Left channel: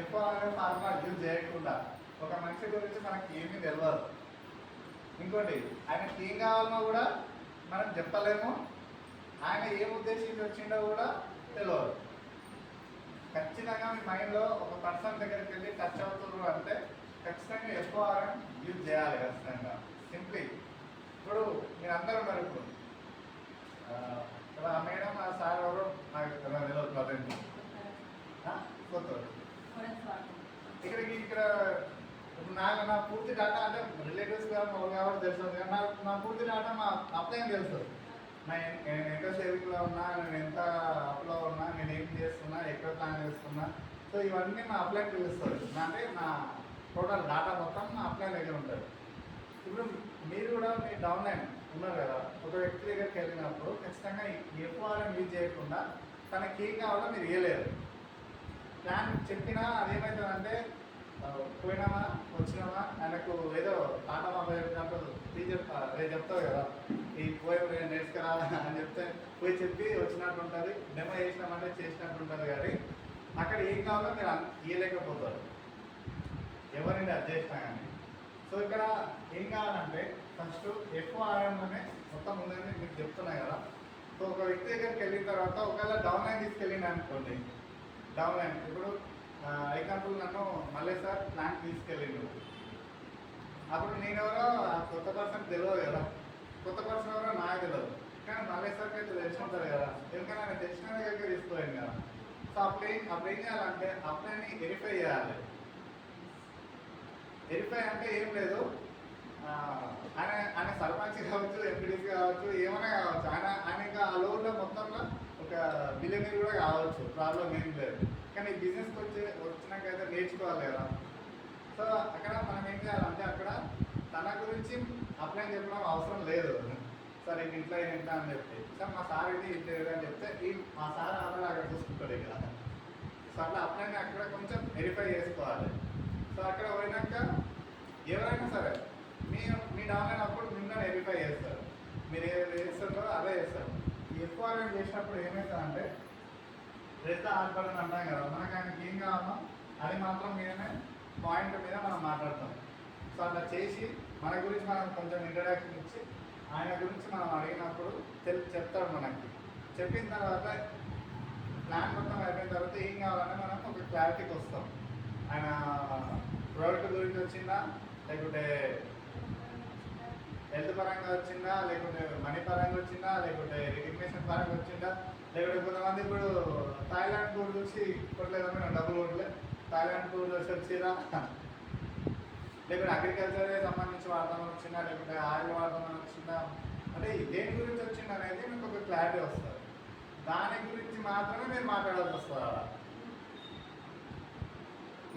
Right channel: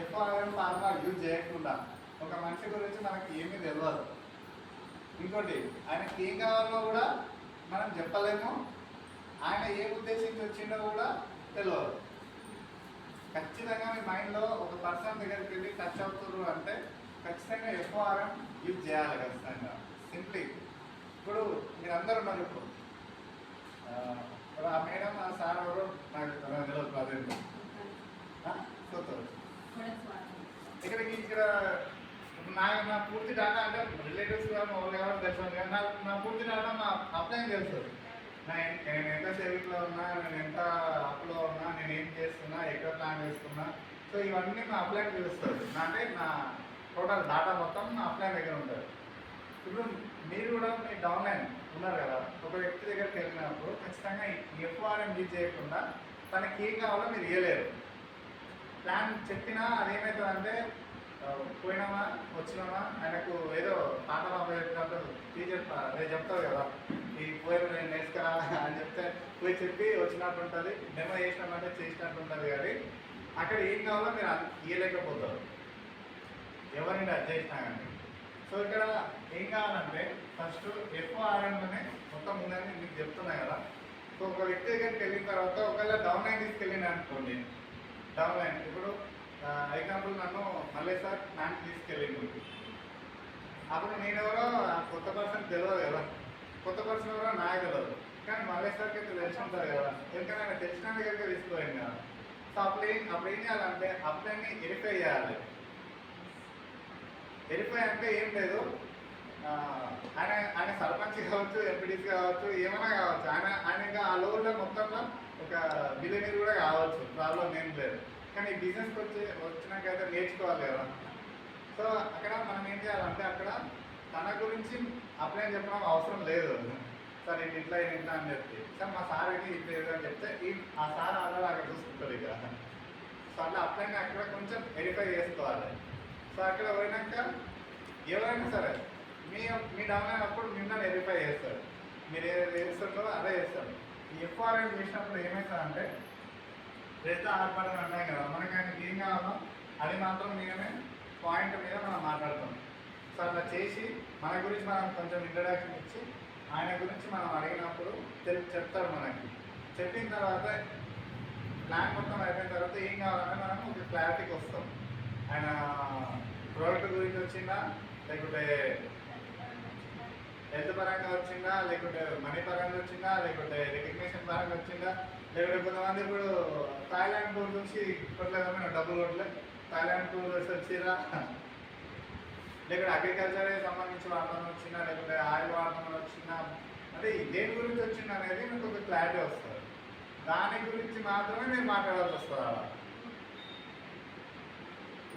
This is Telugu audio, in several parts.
ఎఫ్ఆర్ఎం ఫార్ములా యూజ్ చేయకుండా ఒక మనిషి గురించి మనకి ఏమీ తెలియదు. ఇంకోటి ఆయనకి ఏం కావాలన్నా కూడా మనం చెప్పలేము, ఆయన ఏం ఉద్దేశించి వచ్చిందో కూడా తెలియదు. ఖచ్చితంగా మీ మైండ్లో ఒక పర్సన్ దగ్గరికి వెళ్ళి టచ్ అవుతున్నారు అంటే ఖచ్చితంగా ఎఫ్ఆర్ఎం యూజ్ చేయాలి ఖచ్చితంగా. సింప్లీ ఇప్పుడు మీరు అందరూ ఉన్నారు. ఇప్పుడు ఆ మేడం ఆ సార్ ఎవరు నాకు తెలియదు ప్రజెంట్ కొత్త ఇక్కడ నా పూర్తి డాటా అంటే రిలేటివ్స్ కాబట్టి తెలుసు కానీ నా పూర్తి డాటా మా అప్లైన్ తెలుసు. నేను ఎంత సేవింగ్లో ఉన్నా, నేను ఎంత అప్లో ఉన్నా, నేను ఏం చేస్తున్నా, ఎక్కడ ప్లాన్ చేస్తున్నా, సో ఇవన్నీ మా అప్లైన్ తెలుస్తుంది. అంటే నా టోటల్ డాటా మొత్తం మా అప్లైన్ దగ్గర ఉంటుంది. ఇప్పుడు మీరు కూడా మీ డౌన్లైన్ ఉన్నారు కదా, ఒక వ్యక్తి దగ్గరికి వెళ్ళినప్పుడు ఖచ్చితంగా ఎఫ్ఆర్ఎం యూజ్ చేయకుండా తనకి ఏం కావాలో మీరు ఇవ్వలేరు. ప్లాన్ చెప్పినా అదేమవుతుందంటే పోయినామా వచ్చినామా ఆయనకు ఏదో పాటలు చెప్పినట్టు టీచర్ రేపు చెప్తావు కదా ఈ పోయిన నేర్చుకురా అని చెప్తే పోయి చెప్పి వచ్చినట్టు ఉంటుంది, డెమో చేసినామంటే చేసినట్టు ఉంటుంది. కానీ అక్కడ ఏం కావాలో మీరు ఇవ్వలేకపోతారు ఎవరిని అది చేసినా కానీ. సో ఇక్కడ ఏం కావాలంటే ఫస్ట్ ఎఫ్ఆర్ఎంలోనే మొత్తం ఉందని మీకు చెప్తున్నాయి కదా. సో ఒక వ్యక్తి దగ్గరికి వెళ్ళిన తర్వాత ఒకవేళ డౌన్ లైన్ తీసుకెళ్ళిన అనుకోండి, డౌన్ లైన్ ఇప్పుడు ఎగ్జాంపుల్ నన్ను మళ్ళీ సార్ ప్లాన్ తీసుకెళ్ళిండు, అప్పుడు నేనెవరో కొత్త పర్సన్ తెలియదు కదా, కొత్త పర్సన్ ఎవరో నాకు తెలియదు, కానీ మళ్ళీ సార్కి అయితే తెలిసి ఉంటుంది కదా, ఎందుకంటే ఆయన తెలిసిన దగ్గరికి తీసుకోలేను కదా. సో అప్పుడు ఏం చేయాలంటే అప్లైని వెరిఫై చేయాలి. వెరిఫై అంటే ఏం లేదు, ఆయన సర్పంచ్ కావచ్చు, ఎంపీడీసీ కావచ్చు, ఏమైనా కావచ్చు, ఆయన ఇంకా ఆ లోన్లో మొత్తంలో ఒక బిలియనీర్ కూడా కావచ్చు, ప్రాబ్లం ఏం లేదు. కానీ బిజినెస్కి వచ్చినాకైతే నేర్చుకోవాలి కదా. సో అక్కడ మనం ఏం చేయాలంటే అక్కడ తన గురించి అప్లై చెప్పడం అవసరం లేదు. సార్ ఇది ఇట్లా అని చెప్తే సార్ మా సార్ ఇది ఇట్లా అని చెప్తే ఆ సార్ ఆల్రెడీ అక్కడ చూసుకుంటారు ఇక్కడ. సో అట్లా అప్లై అక్కడ కొంచెం వెరిఫై చేసుకోవాలి. సో అక్కడ పోయినాక ఎవరైనా సరే మీ డౌన్ అయినప్పుడు మిమ్మల్ని వెరిఫై చేస్తారు, మీరు ఏది చేస్తుంటారో అదే చేస్తారు. ఈ ఎఫ్ఆర్ఎం చేసినప్పుడు ఏమవుతుందంటే రెస్ట్ ఆర్పడని అంటాం కదా, మనకి ఆయనకి ఏం కావాలో అది మాత్రం మీదనే పాయింట్ మీద మనం మాట్లాడతాం. సో అట్లా చేసి మన గురించి మనం కొంచెం ఇంట్రడక్షన్ ఇచ్చి ఆయన గురించి మనం అడిగినప్పుడు చెప్తాడు మనకి. చెప్పిన తర్వాత ప్లాన్ మొత్తం అయిపోయిన తర్వాత ఏం కావాలని మనం ఒక క్లారిటీకి వస్తాం. ఆయన ప్రోడక్ట్ గురించి వచ్చిందా, లేకుంటే హెల్త్ పరంగా వచ్చిందా, లేకుంటే మనీ పరంగా వచ్చిందా, లేకుంటే రికగ్నిషన్ పరంగా వచ్చిందా, లేకుంటే కొంతమంది ఇప్పుడు థాయిలాండ్ టూర్ చూసి ఇప్పట్లేదన్నా డబ్బులు కొట్టలే థాయిలాండ్ టూర్ వచ్చి వచ్చిరా, లేకుంటే అగ్రికల్చర్కి సంబంధించి వాడడం వచ్చిందా, లేకుంటే ఆయిల్ వాడడం వచ్చిందా, అంటే దేని గురించి వచ్చింది అనేది మీకు ఒక క్లారిటీ వస్తుంది. దాని గురించి మాత్రమే మీరు మాట్లాడాల్సి వస్తుంది. అలా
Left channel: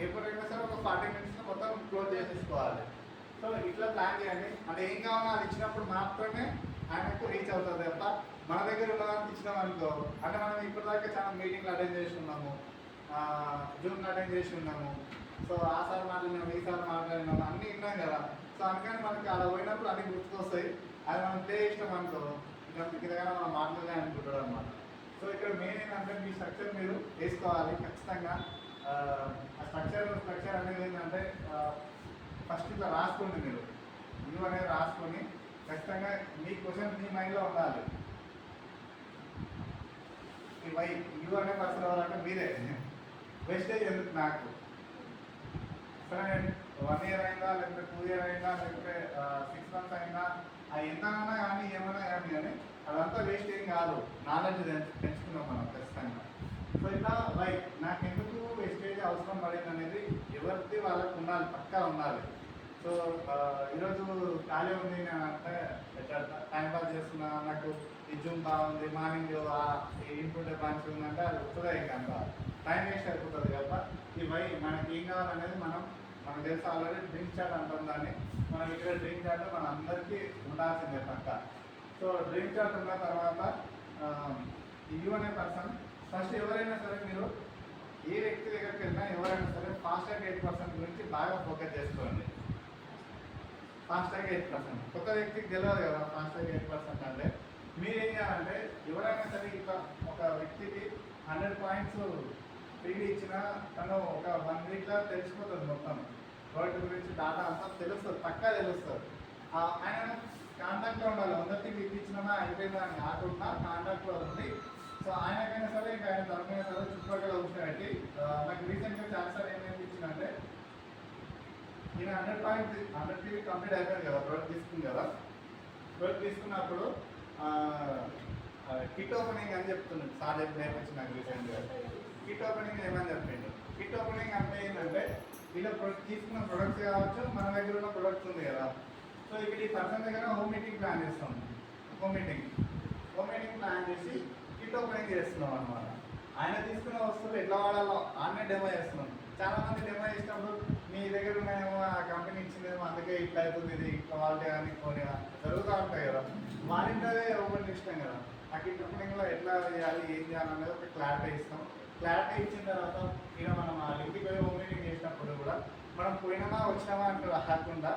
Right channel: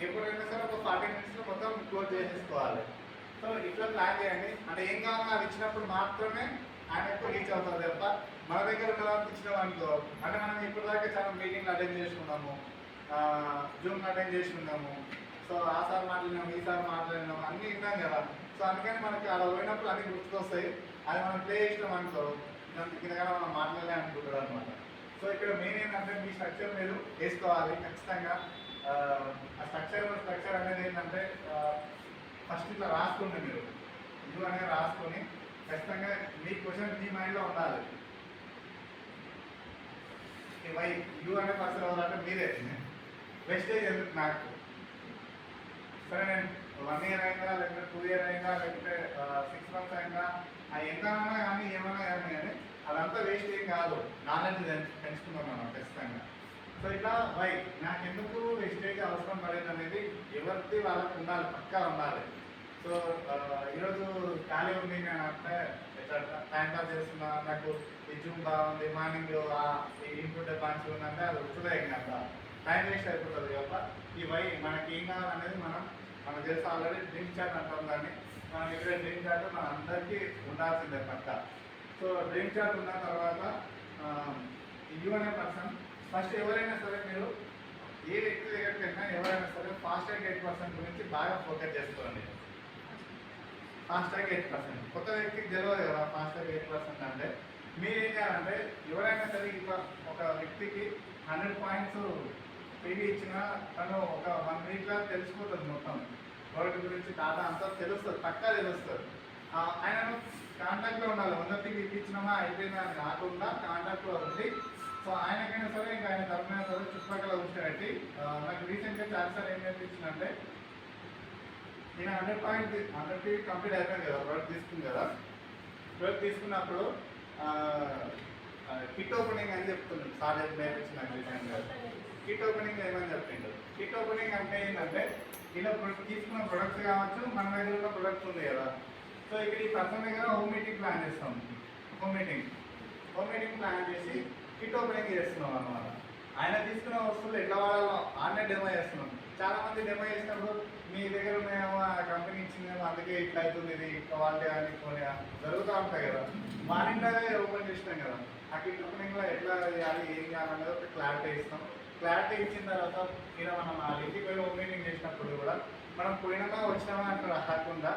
ఎప్పుడైనా సరే ఒక 40 minutesలో మొత్తం క్లోజ్ చేసేసుకోవాలి. సో ఇట్లా ప్లాన్ చేయండి. అంటే ఏం కావాలో అది ఇచ్చినప్పుడు మాత్రమే ఆయనకు రీచ్ అవుతుంది తప్ప మన దగ్గర ఉన్నదానికి ఇచ్చినాం అనుకో, అంటే మనం ఇప్పటిదాకా చాలా మీటింగ్లు అటెండ్ చేసి ఉన్నాము, జూమ్ అటెండ్ చేసి ఉన్నాము, సో ఆ సార్ మాట్లాడినాము, ఈ సార్ మాట్లాడినాము, అన్నీ విన్నాం కదా. సో అందుకని మనకి అలా పోయినప్పుడు అన్నీ గుర్తుకొస్తాయి. అది మనం ప్లే చేసినాం అనుకో కిందగా మనం మాట్లాడలే అనుకుంటాడు అనమాట. సో ఇక్కడ మెయిన్ ఏంటంటే మీ స్ట్రక్చర్ మీరు వేసుకోవాలి ఖచ్చితంగా. ఆ స్ట్రక్చర్ అనేది ఏంటంటే ఫస్ట్ ఇట్లా రాసుకోండి, మీరు యూ అనేది రాసుకొని ఖచ్చితంగా మీ క్వశ్చన్ మీ మైండ్లో ఉండాలి. ఈ వై యూ అనే పర్సన్ అవ్వాలంటే మీరే వేస్టేజ్ ఎందుకు నాకు, సరే నేను 1 year అయిందా, లేకపోతే 2 year అయిందా, లేకపోతే 6 months అయిందా, ఎంతైనా కానీ ఏమైనా కానీ అదంతా వేస్ట్ ఏం కాదు, నాలెడ్జ్ పెంచుకుందాం మనం ఖచ్చితంగా. సో ఇట్లా వై నాకెందుకు వేస్టేజ్ అవసరం పడేది అనేది ఎవరిది వాళ్ళకు ఉండాలి, పక్కా ఉండాలి. సో ఈరోజు ఖాళీ ఉంది, నేను అంటే టైం పాస్ చేస్తున్నా, నాకు ఈ జూమ్ బాగుంది, మార్నింగ్ ఇంప్రూవ్ మంచిగా ఉందంటే అది వస్తుందే ఇంకంత టైం వేస్ట్ అయిపోతుంది తప్ప ఈ వై మనకి ఏం కావాలనేది మనకు తెలుసు. ఆల్రెడీ డ్రీమ్ చార్ట్ అంటాం దాన్ని. మనం ఇక్కడ డ్రీమ్ చార్ట్ మన అందరికీ ఉండాల్సిందే పక్క. సో డ్రీమ్ చార్ట్ ఉన్న తర్వాత యూ అనే పర్సన్ ఫస్ట్ ఎవరైనా సరే మీరు ఏ వ్యక్తి దగ్గరికి వెళ్ళినా ఎవరైనా సరే ఫాస్ట్‌ట్రాక్ 8% గురించి బాగా ఫోకస్ చేసుకోండి. ఫాస్ట్‌ట్రాక్ 8% కొత్త వ్యక్తికి తెలియదు కదా ఫాస్ట్‌ట్రాక్ 8% అంటే మీరు ఏం చేయాలంటే ఎవరైనా సరే ఒక వ్యక్తికి 100 points ఫ్రీగా ఇచ్చిన తను ఒక 1 వీక్లో తెలిసిపోతుంది మొత్తం ప్రోడక్ట్ గురించి డాటా అంతా తెలుస్తుంది, పక్కా తెలుస్తుంది. ఆయనను కాంటాక్ట్లో ఉండాలి, మొదటికి ఇప్పించినామా అయిపోయిందా అని కాకుండా కాంటాక్ట్లో ఉండి, సో ఆయనకైనా సరే ఇంకా ఆయన తరఫున సరే చుట్టుపక్కల కూర్చోబెట్టి నాకు రీసెంట్గా చాలాసారి ఏం నేర్పించిందంటే, ఈయన 100 కంప్లీట్ అయిపోయింది కదా, ప్రోడక్ట్ తీసుకుంది కదా. ప్రోడక్ట్ తీసుకున్నప్పుడు కిట్ ఓపెనింగ్ అని చెప్తున్నాడు సార్, నేర్పించి నాకు రీసెంట్గా. కిట్ ఓపెనింగ్ ఏమని చెప్పిండు. కిట్ ఓపెనింగ్ అంటే ఏంటంటే, ఇలా తీసుకున్న ప్రొడక్ట్స్ కావచ్చు, మన దగ్గర ఉన్న ప్రొడక్ట్స్ ఉంది కదా. సో ఇక్కడ ఈ పర్సన్ దగ్గర హోమ్ మీటింగ్ ప్లాన్ చేస్తాం. హోమ్ మీటింగ్ ప్లాన్ చేసి కిట్ ఓపెనింగ్ చేస్తున్నాం అనమాట. ఆయన తీసుకున్న వస్తువులు ఎట్లా వాడాలో ఆన్నే డెమో చేస్తున్నాం. చాలా మంది డెమో చేసినప్పుడు మీ దగ్గర ఉన్నాయేమో, ఆ కంపెనీ ఇచ్చిందేమో అందుకే ఇట్లా అవుతుంది, ఇది క్వాలిటీ కానీ కొన్ని జరుగుతూ ఉంటాయి కదా. వారింటే ఓపెన్ చేసినాం కదా, ఆ కిట్ ఓపెనింగ్లో ఎట్లా చేయాలి, ఏం చేయాలనేది ఒక క్లారిటీ ఇస్తాం. క్లారిటీ ఇచ్చిన తర్వాత ఇలా మనం ఆ ఇంటికి పోయి హోమ్ మీటింగ్ చేసినప్పుడు కూడా మనం పోయినామా వచ్చినామా అంటూ రాకుండా,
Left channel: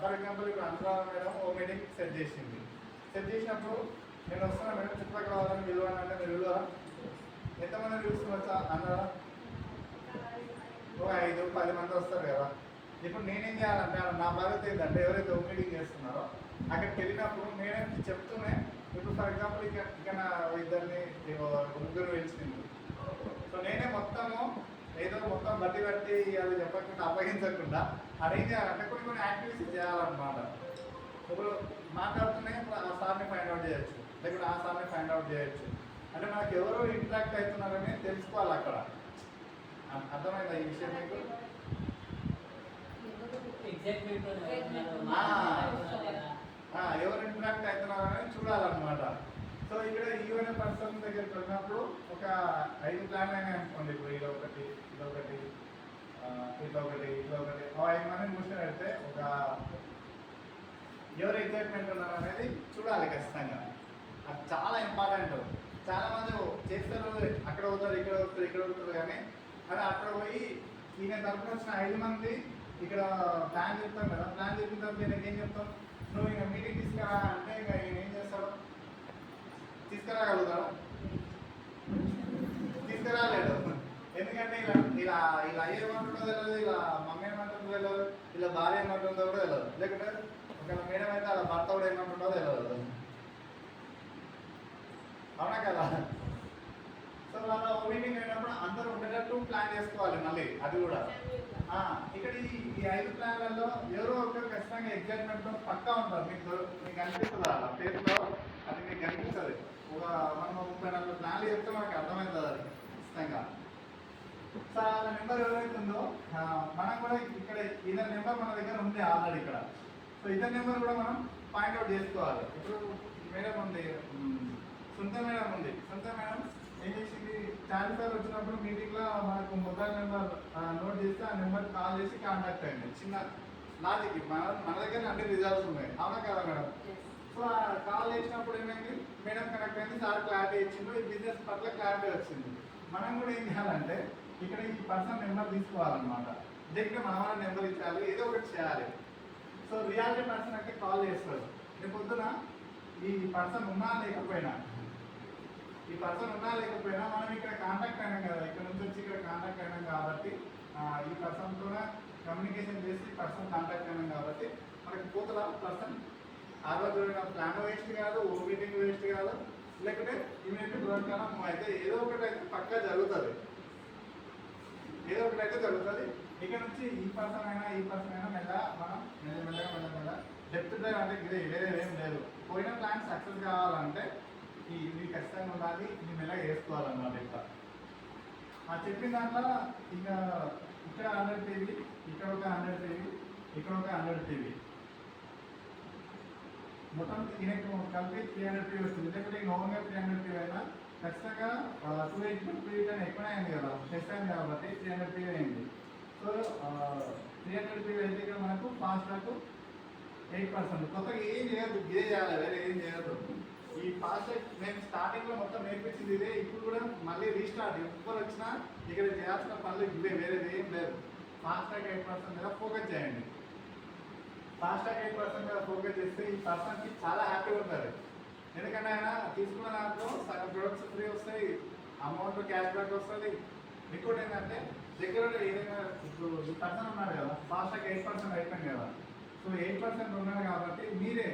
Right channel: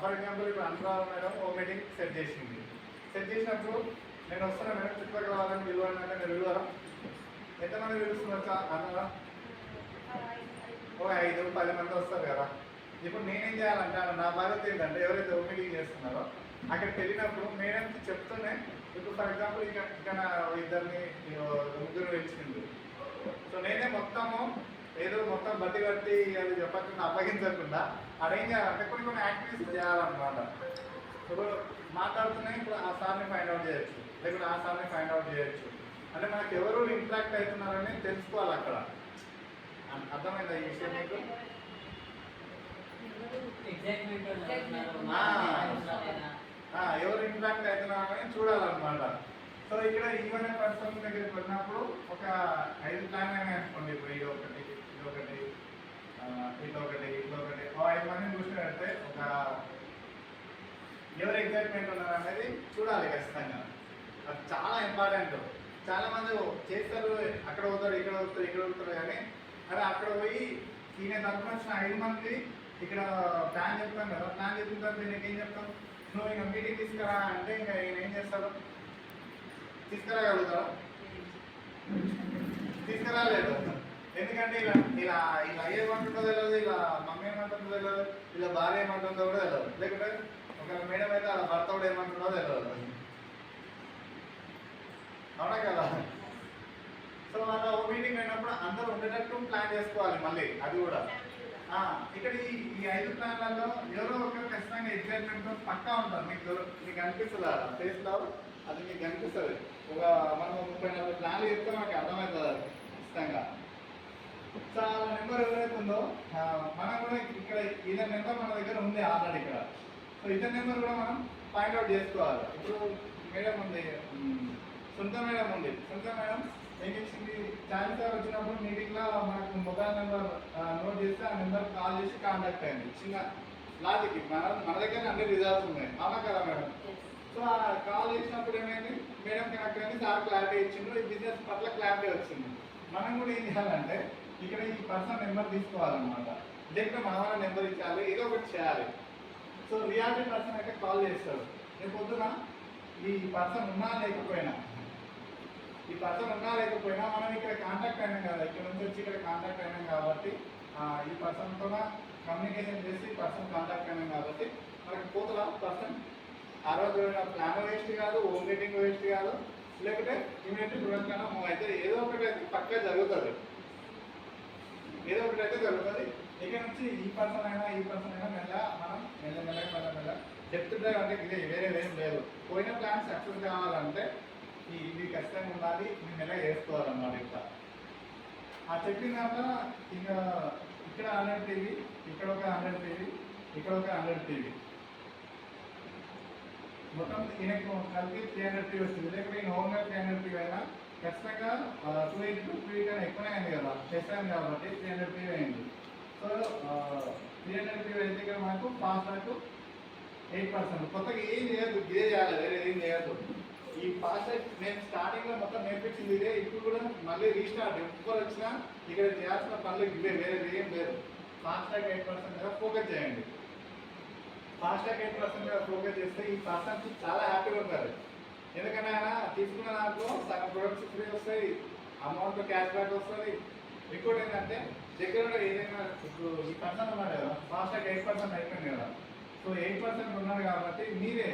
ఫర్ ఎగ్జాంపుల్ ఇప్పుడు Anuradha madam home meeting set చేసింది. సెట్ చేసినప్పుడు నేను వస్తున్నా మేడం, చుట్టుపక్కల వాళ్ళని పిలవాలంటే మీరు పిలవరా? ఎంతమంది పిలుస్తున్నా అన్నారా? ఒక 5-10 మంది వస్తారు కదా. ఇప్పుడు నేనేం చేయాలంటే, నా బాధ్యత ఏంటంటే, ఎవరైతే హోమ్ మీటింగ్ చేస్తున్నారో అక్కడికి వెళ్ళినప్పుడు మేడం చెప్తూనే, ఇప్పుడు ఫర్ ఎగ్జాంపుల్ ఇక్కడ ఇద్దరిని ముగ్గురు పిలిచింది. సో నేనే మొత్తము ఏదో మొత్తం బట్టి కట్టి అది చెప్పకుండా అప్పగించకుండా అదేం చేయాలంటే కొన్ని యాక్టివిటీస్ చేయాలన్నమాట. ఇప్పుడు మాట్లాడుతూనే ఇప్పుడు ఆ సార్ని ఫైండ్ అవుట్ చేయొచ్చు, లేకపోతే ఆ సార్ని ఫైండ్ అవుట్ చేయొచ్చు. అంటే మనకి ఎవరు ఇంట్రాక్ట్ అవుతున్నారని తెలుసుకోవాలి అక్కడ. అర్థమైందా ఈ విషయం మీకు? ఎవరు ఇంట్రాక్ట్ అవుతున్నారని చూడాలన్నమాట. సో ఇక్కడ ఈవెన్ పర్సన్ దగ్గరికి వెళ్ళినప్పుడు ఒక 5 ప్లాన్ అయినా అనుకోండి. ఇప్పుడు ఇదొకటి, ఇదొకటి, ఇదొకటి, ఇదొకటి 5 మందిని కూర్చొని పెడితే ఒక ఎవరు ఎగ్జైట్మెంట్ ఉన్నారు అనేది చూడాలి ఖచ్చితంగా. అది చాలా ఇంపార్టెంట్. చాలా మంది చేస్తారు, అక్కడ అవుతారు, ఇక్కడ అవుతారు, ఇక్కడ అవుతారు, కానీ అదే అక్కడ పోయి ఈయన తరఫున వచ్చిన 5 మంది ఇక్కడ ప్లాన్ చెప్తాం కదా. ప్లాన్ చెప్పిన తర్వాత నేను ఏం చెప్తాం, నువ్వు ఇంకా మీటింగ్ తీసుకురా అంటే ఇంకా ఈయన ఏం చేస్తాడు, తీసుకురాగలుగుతాడు? తీసుకురాలేడు. ఎందుకంటే ఇలా ఇలా ఇలా ఏమంటుందో తెలియదు, ఇలా మమ్మీ ఏమంటుందో తెలియదు, ఇలా భార్య ఏమంటుందో కూడా తెలియదు, లేకపోతే ఒక మేడం అయితే అలా భర్త కూడా ఏమంటుందో తెలియదు. అవునా కదా? సో వాళ్ళ మీటింగ్ అయినప్పుడు అందరూ ఉండేటట్టు ప్లాన్ చేసుకోవాలి. మళ్ళీ అది కూడా ఇక్కడ ఈ 5 ప్లాన్లలో ఎవరో ఒకరు ఖచ్చితంగా ఎగ్జైట్మెంట్తో పక్కా ఉంటారు. మీకు అనిపిస్తుంది అలా ఫేస్లో, అది మీకు అనిపిస్తుంది. ఒక మనం 30-40 ప్లాన్లు చెప్తే మనకి అర్థమవుతుంది అది ఖచ్చితంగా. సో ఆ నెంబర్ ఎవరైతే ఉందో మనం కూడా ఇక్కడ ఇతని నెంబర్ మన దగ్గర ఉంది ఆల్రెడీ ఇక్కడ. సో ఇతని నెంబర్ కూడా మనం పాయింట్అవుట్ చేసుకోవాలి. ఇప్పుడు మేడం ఉంది, సొంత మేడం ఉంది. సొంత మేడం ఏం చేసింది, చాలాసార్లు వచ్చినప్పుడు మీటింగ్లో మనకు మొబైల్ నెంబర్ నోట్ చేస్తే ఆ నెంబర్ కాల్ చేసి కాంటాక్ట్ అయింది. చిన్న లాజిక్, మన దగ్గర అన్ని రిజల్ట్స్ ఉన్నాయి. అవునా కదా మేడం? సో ఆ కాల్ చేసినప్పుడు ఏమైంది, మేడం కనెక్ట్ అయింది, సార్ క్లారిటీ ఇచ్చిండు, ఈ బిజినెస్ పట్ల క్లారిటీ వచ్చింది. మనం కూడా ఏం చేయాలంటే ఇక్కడ ఈ పర్సన్ నెంబర్ తీసుకోవాలన్నమాట. దగ్గర మన వాళ్ళ నెంబర్ ఇచ్చాలి, ఏదో ఒకటి చేయాలి. సో రియాలిటీ పర్సన్ అయితే కాల్ చేస్తాడు. రేపు పొద్దున ఈ పర్సన్ ఉన్నా లేకపోయినా మనం ఇక్కడ కాంటాక్ట్ అయినాం కదా, ఇక్కడ నుంచి వచ్చి ఇక్కడ కాంటాక్ట్ అయినాం కాబట్టి ఈ పర్సన్తో కమ్యూనికేషన్ చేసి పర్సన్ కాంటాక్ట్ అయినాం కాబట్టి మనకి పోతుల పర్సన్ ఆ రోజు ప్లాన్ వేస్ట్ కాదు, హోమ్ మీటింగ్ వేస్ట్ కాదు, లేకపోతే ఇమీడియట్లీ ప్రోడక్ట్ కన్నా మూవ్ అయితే ఏదో ఒకటి అయితే పక్కా జరుగుతుంది. ఇక్కడ నుంచి ఈ పర్సన్ అయినా మెల్లగా డెప్త్ డ్రైవ్ అంటే ఇదే, వేరే ఏం లేదు. పోయిన ప్లాన్ సక్సెస్ కావాలంటే ఇది ఖచ్చితంగా ఉండాలి, ఇది మెల్లగా వేసుకోవాలన్నమాట. ఇట్లా ఆ చెప్పిన దాంట్లో ఇంకా ఇక్కడ 100 టీవీ, ఇక్కడ ఒక 100 టీవీ, ఇక్కడ ఒక 100 టీవీ, మొత్తం ఈయనకు కలిపి 300 టీవీ వస్తుంది. లేకపోతే ఈ ఓన్గా 300 టీవీ అయినా ఖచ్చితంగా 280 కన్నా ఎక్కువనే అయింది కదా, ప్లస్ అయింది కాబట్టి 300 టీవీ అయింది. సో 300 టీవీ అయితే ఇక్కడ మనకు ఫాస్టాగ్ 8%. కొత్తగా ఏం చేయొద్దు, ఇదే చేయాలి, వేరే ఏం చేయొద్దు. ఈ ఫాస్టాగ్ నేను స్టార్టింగ్లో మొత్తం నేర్పించింది ఇదే. ఇప్పుడు కూడా మళ్ళీ రీస్టార్ట్, ఎప్పుడు వచ్చినా ఇక్కడ చేయాల్సిన పనులు ఇవే, వేరే ఏం లేదు. ఫాస్టాగ్ 8% మీద ఫోకస్ చేయండి. ఫాస్టాగ్ 8% మీద ఫోకస్ చేస్తే ఈ పర్సన్కి చాలా హ్యాపీగా ఉంటారు. ఎందుకంటే ఆయన తీసుకున్న దాంట్లో సగం ప్రొడక్ట్స్ ఫ్రీ వస్తాయి, అమౌంట్ క్యాష్ బ్యాక్ వస్తుంది, ఇంకోటి ఏంటంటే దగ్గర ఏదైనా ఇప్పుడు ఈ పర్సన్ ఉన్నాడు కదా, ఫాస్ట్గా 8% అయిపోయింది కదా. సో 8% ఉన్నారు కాబట్టి మీరే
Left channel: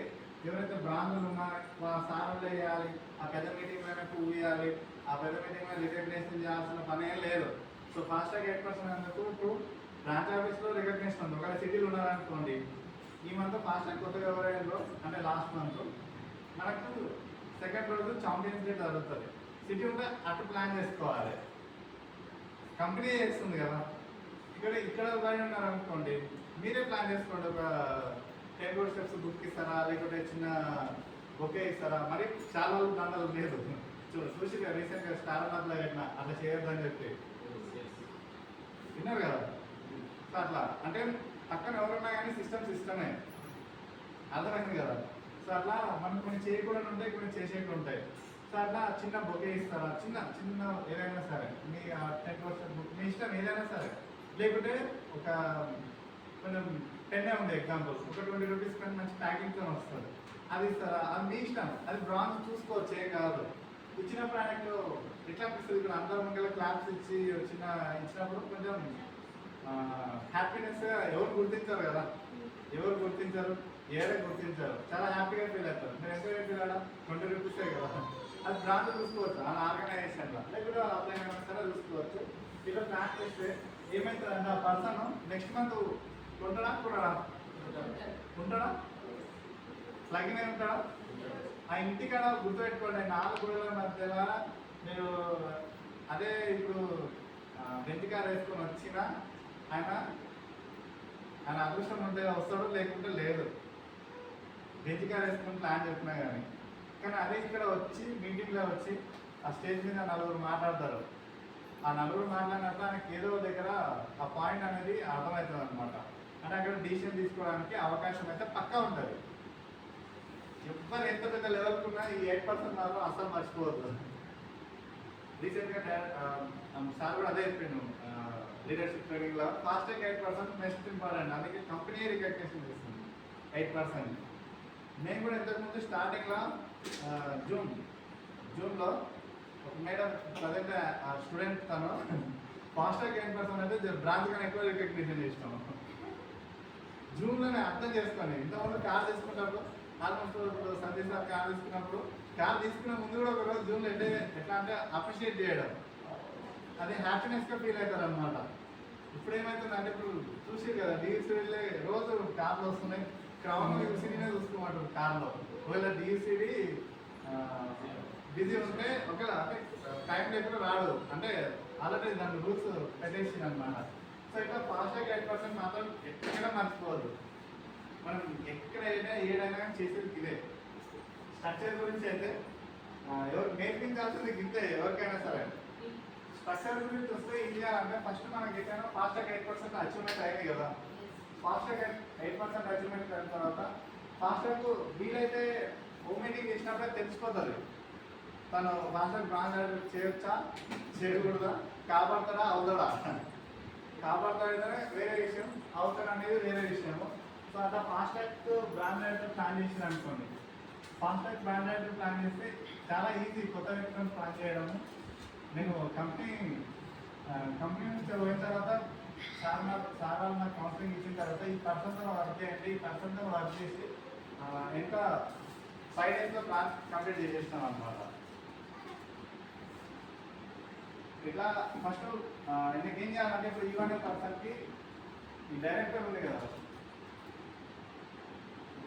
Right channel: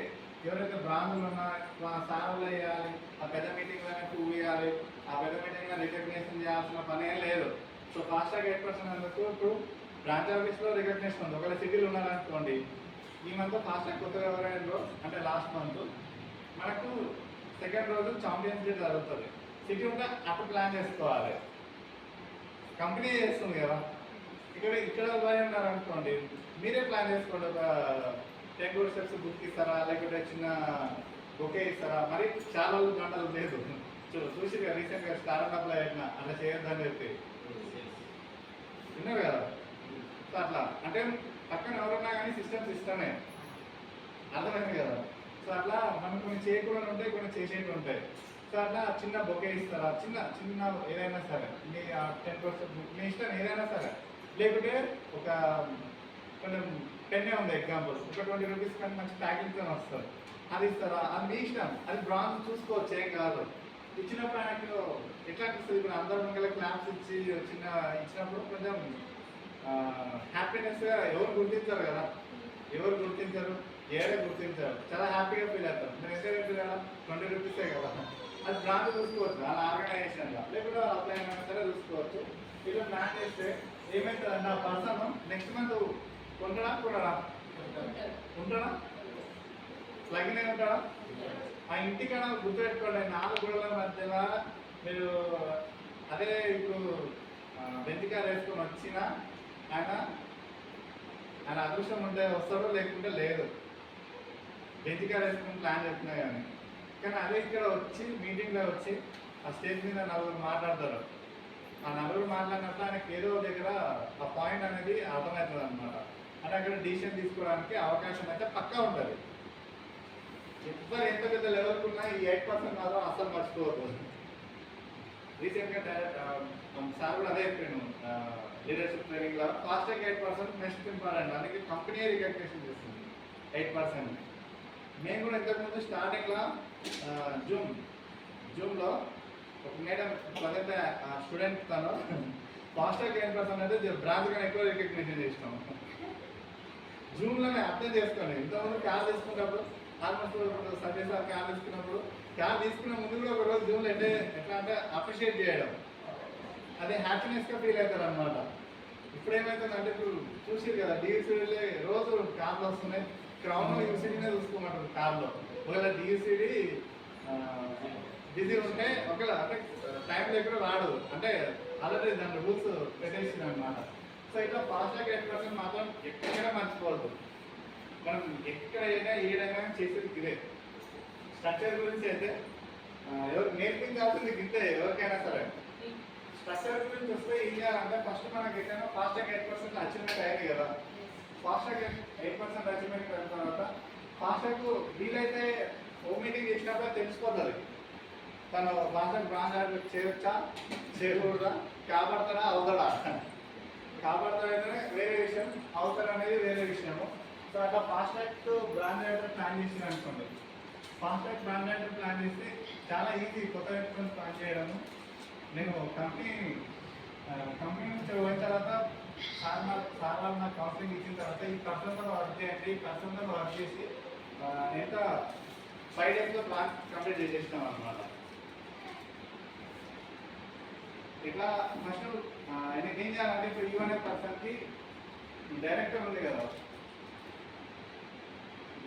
ఎవరైతే బ్రాంచులు ఉన్నా సార్లు వేయాలి, ఆ పెద్ద మీటింగ్లోనే పువ్వు ఇవ్వాలి, ఆ పెద్ద మీటింగ్లో రికగ్నేషన్ చేయాల్సిన పని ఏం లేదు. సో ఫాస్ట్గా 8% ఎందుకు, ఇప్పుడు బ్రాంచ్ ఆఫీస్లో రికగ్నేషన్ ఉంది. ఒకవేళ సిటీలు ఉన్నారనుకోండి, ఈ మంత్ ఫాస్ట్గా కొత్తగా ఎవరైనా అంటే లాస్ట్ మంత్ మనకు సెకండ్ రోజు ఛాంపియన్స్ డే జరుగుతుంది. సిటీ ఉంటే అప్పుడు ప్లాన్ చేసుకోవాలి, కంపెనీ చేస్తుంది కదా. ఇక్కడ అనుకోండి, మీరే ప్లాన్ చేసుకోండి. ఒక 10 road steps బుక్ ఇస్తారా, లేకపోతే చిన్న బొకే ఇస్తారా, మరి చాలా రోజులు గంటలు లేదు. చూసి రీసెంట్గా స్టార్ట్అప్లో అయినా అలా చేయొద్దు అని చెప్పి విన్నారు కదా. సో అట్లా అంటే పక్కన ఎవరున్నా కానీ సిస్టమే అర్థమైంది కదా. సో అట్లా మనం కొన్ని చేయకుండా ఉంటాయి, కొన్ని చేసేవి ఉంటాయి. సో అట్లా చిన్న బొకే ఇస్తారా, చిన్న చిన్న ఏదైనా సరే మీ 10% మీ ఇష్టం ఏదైనా సరే, లేకుంటే ఒక కొంచెం పెన్నే ఉంది ఎగ్జాంపుల్, ఒక 20 రూపీస్ కానీ మంచి ప్యాకింగ్తో వస్తుంది, అది ఇస్తారా, అది మీ ఇష్టం. అది బ్రాంచ్ చూసుకోవచ్చు, ఏం కాదు. ఇచ్చినప్పుడు ఆయనకు ఎట్లా అనిపిస్తుంది, ఇప్పుడు అందరూ ముంగల క్లాప్స్ ఇచ్చి చిన్న ఇచ్చినప్పుడు కొంచెం హ్యాపీనెస్. ఎవరు గుర్తించారు కదా, ఎవరు గుర్తించారు, ఏడే గుర్తించారు, చాలా హ్యాపీగా ఫీల్ అవుతారు. మీరు ఎంత ఫీల్ అవ్వాలా, 20 రూపీసే కదా. అది బ్రాంచ్ చూసుకోవచ్చు, వాళ్ళ ఆర్గనైజేషన్లో, లేకపోతే వాళ్ళ అప్లై అయినా సరే చూసుకోవచ్చు. ఇలా ప్లాన్ చేస్తే ఏమవుతుందంటే ఆ పర్సన్ నెక్స్ట్ మంత్ ఉంటాడా ఉంటాడా లగ్నే ఉంటాడా. ఆ ఇంటికన్నా గుర్తుపెట్టుకోండి, 4 గోడల మధ్య మీరు అదే ఇప్పుడు బెంచ్ కార్ వేసుకొని వచ్చినా ఆయన అదృష్టం ఉంటే వస్తాడో, లేకుంటే లేదు. బెంచ్ కార్ వేసుకొని ప్లాన్ చెప్తున్నా కానీ అదే ఇక్కడ వచ్చి మీటింగ్లో వచ్చి ఆ స్టేజ్ మీద 4 మాట్లాడతారు. ఆ 4 మాట్లాడినప్పుడు ఆయనకి ఏదో దగ్గర ఆ పాయింట్ అనేది అర్థమవుతుంది అనమాట. అంటే అక్కడ డిసిషన్ తీసుకోవడానికి అవకాశం అయితే పక్కా ఉంటుంది. ఎవరు ఎంత పెద్ద లెవెల్కి ఉన్నా ఈ 8% మాత్రం అసలు మర్చిపోవద్దు. రీసెంట్గా సార్ కూడా అదే చెప్పాను లీడర్షిప్ ట్రైనింగ్లో, ఫాస్ట్గా 8% నెక్స్ట్ ఇంపార్టెంట్. అందుకే కంపెనీ రికగ్నేషన్ చేస్తుంది 8%. మేము కూడా ఇంతకుముందు స్టార్టింగ్లో జూమ్లో ఒక మేడం ప్రజెంట్ స్టూడెంట్ తను ఫాస్ట్గా 8% అయితే బ్రాంచ్ కానీ ఎక్కువ రికగ్నిషన్ చేసినాం. జూమ్లోనే అర్థం చేసుకోండి. ఇంతకుముందు కార్ తీసుకున్నప్పుడు ఆల్మోస్ట్ సండే సార్ కార్ తీసుకున్నప్పుడు, కార్ తీసుకున్న ముందు కూడా ఒక రోజు జూమ్లో ఎట్లా అంటే అప్రిషియేట్ చేయడం, అదే హ్యాపీనెస్గా ఫీల్ అవుతారు అనమాట. ఇప్పుడు ఏమవుతుందంటే, ఇప్పుడు చూసి కదా డిఎస్సీడీ రోజు కార్లు వస్తున్నాయి, క్రౌన్ యూసీడీనే చూసుకోమంటారు కార్లో. ఒకవేళ డిఎస్సీడీ బిజీ ఉంటే ఒకవేళ అంటే టైం లేకుండా రాడు, అంటే ఆల్రెడీ దాని రూల్స్ పెట్టేసింది అనమాట. సో ఇట్లా ఫాస్ట్గా 8% మాత్రం ఎక్కడైనా మర్చిపోవద్దు. మనం ఎక్కడైనా ఏదైనా చేసేది ఇదే. స్ట్రక్చర్ గురించి అయితే ఎవరు నేర్పించాల్సింది ఇంతే, ఎవరికైనా సరే. స్ట్రక్చర్ గురించి వస్తే ఏం చేయాలంటే, ఫస్ట్ మనకి ఏదైనా ఫాస్ట్గా 8% అచీవ్మెంట్ అయ్యింది కదా. ఫాస్ట్గా 8% అచీవ్మెంట్ అయిన తర్వాత ఫాస్ట్గా వీలైతే హోమ్ మీటింగ్ చేసినప్పుడే తెలిసిపోతుంది తను ఫాస్ట్గా బ్రాంచ్ చేయొచ్చా చేయకూడదా, కాపాడతాడా అవుతాడా. కాపాడతాడైతేనే వేరే విషయం, అవుతాడు అనేది వేరే విషయము. సో అట్లా ఫాస్ట్గా బ్రాండ్ రైటర్ ప్లాన్ చేసింది అనుకోండి. ఫాస్ట్గా బ్రాండ్ రైటర్ ప్లాన్ చేస్తే చాలా ఈజీ కొత్త వ్యక్తులను ప్లాన్ చేయడం. నేను కంపెనీ నుంచి పోయిన తర్వాత సార్ నాకు కౌన్సిలింగ్ ఇచ్చిన తర్వాత ఈ పర్సన్తో వర్క్ చేయండి, ఈ పర్సన్తో వర్క్ చేసి ఎంత 5 daysలో ప్లాన్ కంప్లీట్ చేసేస్తాం అనమాట. ఇట్లా ఫస్ట్ ఆయనకి ఏం చేయాలంటే, ఇప్పుడు ఈవెన్ పర్సన్కి ఈ డైరెక్టర్ ఉంది కదా,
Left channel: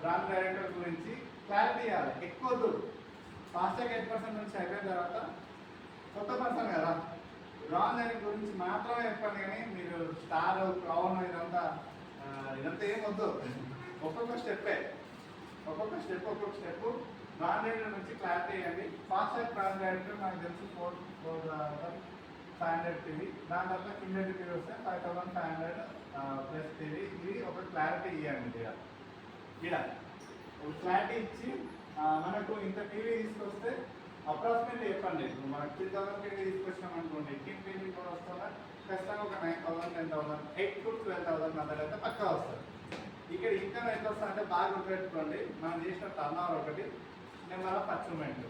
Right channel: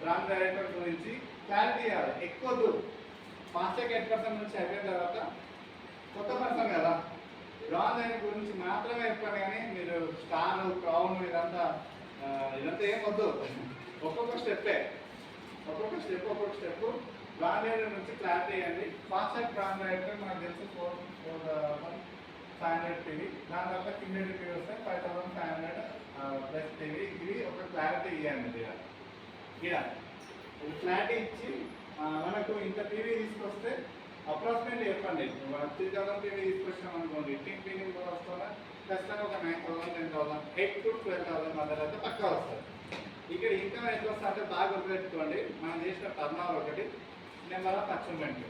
బ్రాండ్ డైరెక్టర్ గురించి క్లారిటీ ఇవ్వాలి. ఎక్కువ ఫాస్ట్గా 8% నుంచి అయిపోయిన తర్వాత కొత్త పర్సన్ కదా, బ్రాండ్ డైరెక్టర్ గురించి మాత్రమే చెప్పాను. కానీ మీరు స్టార్ క్రౌన్ ఇదంతా ఏం వద్దు. ఒక్కొక్క స్టెప్ బ్రాండ్ డైరెక్టర్ నుంచి క్లారిటీ ఇవ్వండి. ఫాస్ట్గా బ్రాండ్ డైరెక్టర్ నాకు తెలిసి 4,500 టీవీ, దాని తర్వాత క్యూమిలేటివ్ టీవీ వస్తే 5,500 ప్లస్ టీవీ. ఇది ఒక క్లారిటీ ఇవ్వండి. ఇక్కడ ఒక క్లారిటీ ఇచ్చి మనకు ఇంత టీవీ తీసుకొస్తే అప్రాక్సిమేట్లీ చెప్పండి. మనం 3,000 టీవీ తీసుకొచ్చినాం అనుకోండి, టీమ్ టీవీ కూడా వస్తుందా ఖచ్చితంగా ఒక 9,000, 10,000, 8,000 to 12,000 మధ్యలో అయితే పక్కా వస్తుంది. ఇక్కడ ఇన్కమ్ ఎంత వస్తుంది అంటే బాగా గుర్తుపెట్టుకోండి, మనం చేసిన టర్నోవర్ ఒకటి, నెంబర్ ఆఫ్ అచీవ్మెంట్,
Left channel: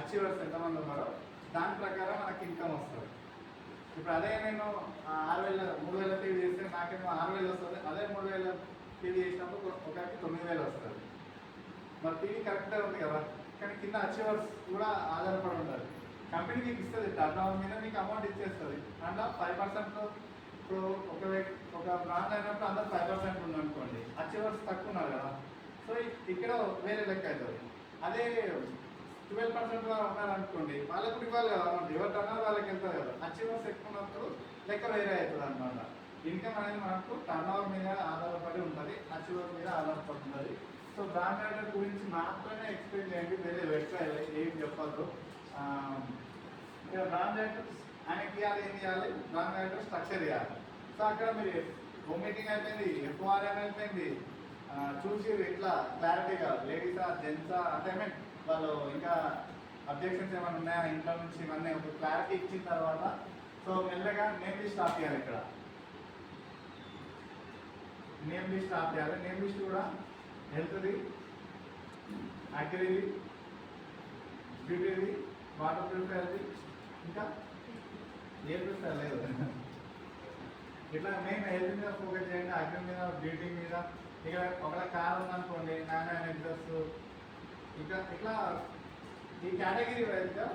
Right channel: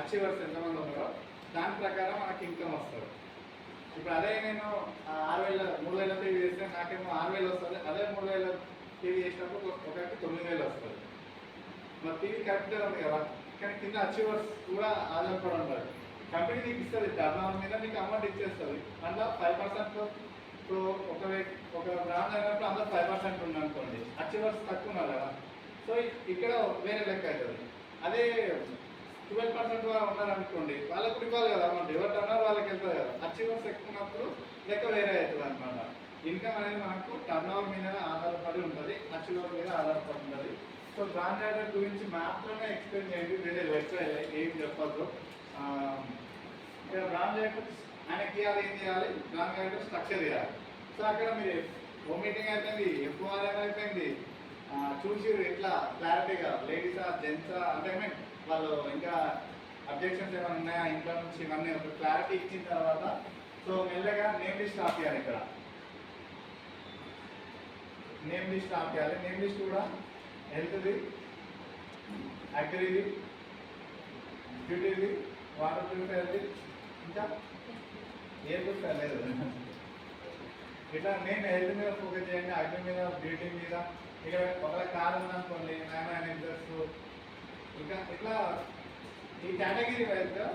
అచీవర్స్ ఎంతమంది ఉన్నారో దాని ప్రకారం మనకి ఇన్కమ్ వస్తుంది. ఇప్పుడు అదే నేను 6,000 3,000 పే చేస్తే నాకేమో 6,000 వస్తుంది. అదే 3,000 పే చేసినప్పుడు ఒకటి 9,000 వస్తుంది. మరి టీవీ కరెక్ట్గా ఉంది కదా, కానీ కింద అచీవర్స్ కూడా ఆధారపడి ఉంటుంది. కంపెనీ నీకు ఇస్తుంది, టర్న్ ఓవర్ మీద నీకు అమౌంట్ ఇచ్చేస్తుంది. అందులో 5%. ఇప్పుడు ఒక బ్రాండ్ అయినప్పుడు అందులో 5% ఉంది అనుకోండి, అచీవర్స్ తక్కువ ఉన్నారు కదా, సో ఇక్కడ వేరే లెక్క అవుతుంది. అదే 12% ఉన్నారనుకోండి, వాళ్ళకు ఇవ్వాలి కదా అమౌంట్, ఎవరు టర్న్ వాళ్ళకి వెళ్తుంది కదా. అచీవర్స్ ఎక్కువ ఉన్నప్పుడు లెక్క వేరే అవుతుంది అనమాట. ఇన్కమ్ అనేది మనకు టర్న్ ఓవర్ మీద ఆధారపడి ఉంటుంది, అచీవర్ మీద ఆధారపడి ఉంటుంది. సో బ్రాండ్ రైడర్ గురించి మాత్రమే ఎక్స్ప్లెయిన్ చేయండి, వేరే వెబ్సైట్ ఏం చెప్పద్దు. ఇక్కడ బ్రాండ్ రైడర్ ఆయనకి ఇవ్వాలి, ఏం చేయాలి, బ్రాండ్ రైడర్ స్ట్రక్చర్ ఇవ్వాలి. సో అక్కడ మీరు హోమ్ మీటింగ్ అయిపోయింది, ఎఫ్ఓఆర్ఎం అయిపోయింది, చూసి ఇట్లా క్లారిటీగా లేడీసా జెంట్సా అంటే మీన్ వాళ్ళు ఇంకా అబ్జెక్షన్స్ ఏమైనా ఉన్నాయా ఇంట్లో నుంచి, ఇవన్నీ ఒక క్లారిటీ ఇచ్చిన తర్వాత సో మెల్లగా నేమ్ లిస్ట్ స్టార్ట్ చేయాలి. ఇక్కడ నేమ్ లిస్ట్ స్టార్ట్ చేయాలి. నేమ్ లిస్ట్ కూడా హెల్త్ది, అగ్రిది, బ్యూటీది, వాటర్ ప్యూరిఫైర్ది, ఇంకా ఏ ప్యూరిఫైర్ లేదు. ఇట్లా నేను హెల్త్ మీద ఫోకస్ చేయండి, అగ్రి మీద, బ్యూటీ మీద. ఇక ఒకవేళ కార్ ఉందనుకోండి, నాన్న ఇంట్రెస్ట్, ఇంకా ఇట్లా ఈ కేటగిరీ వైజ్గా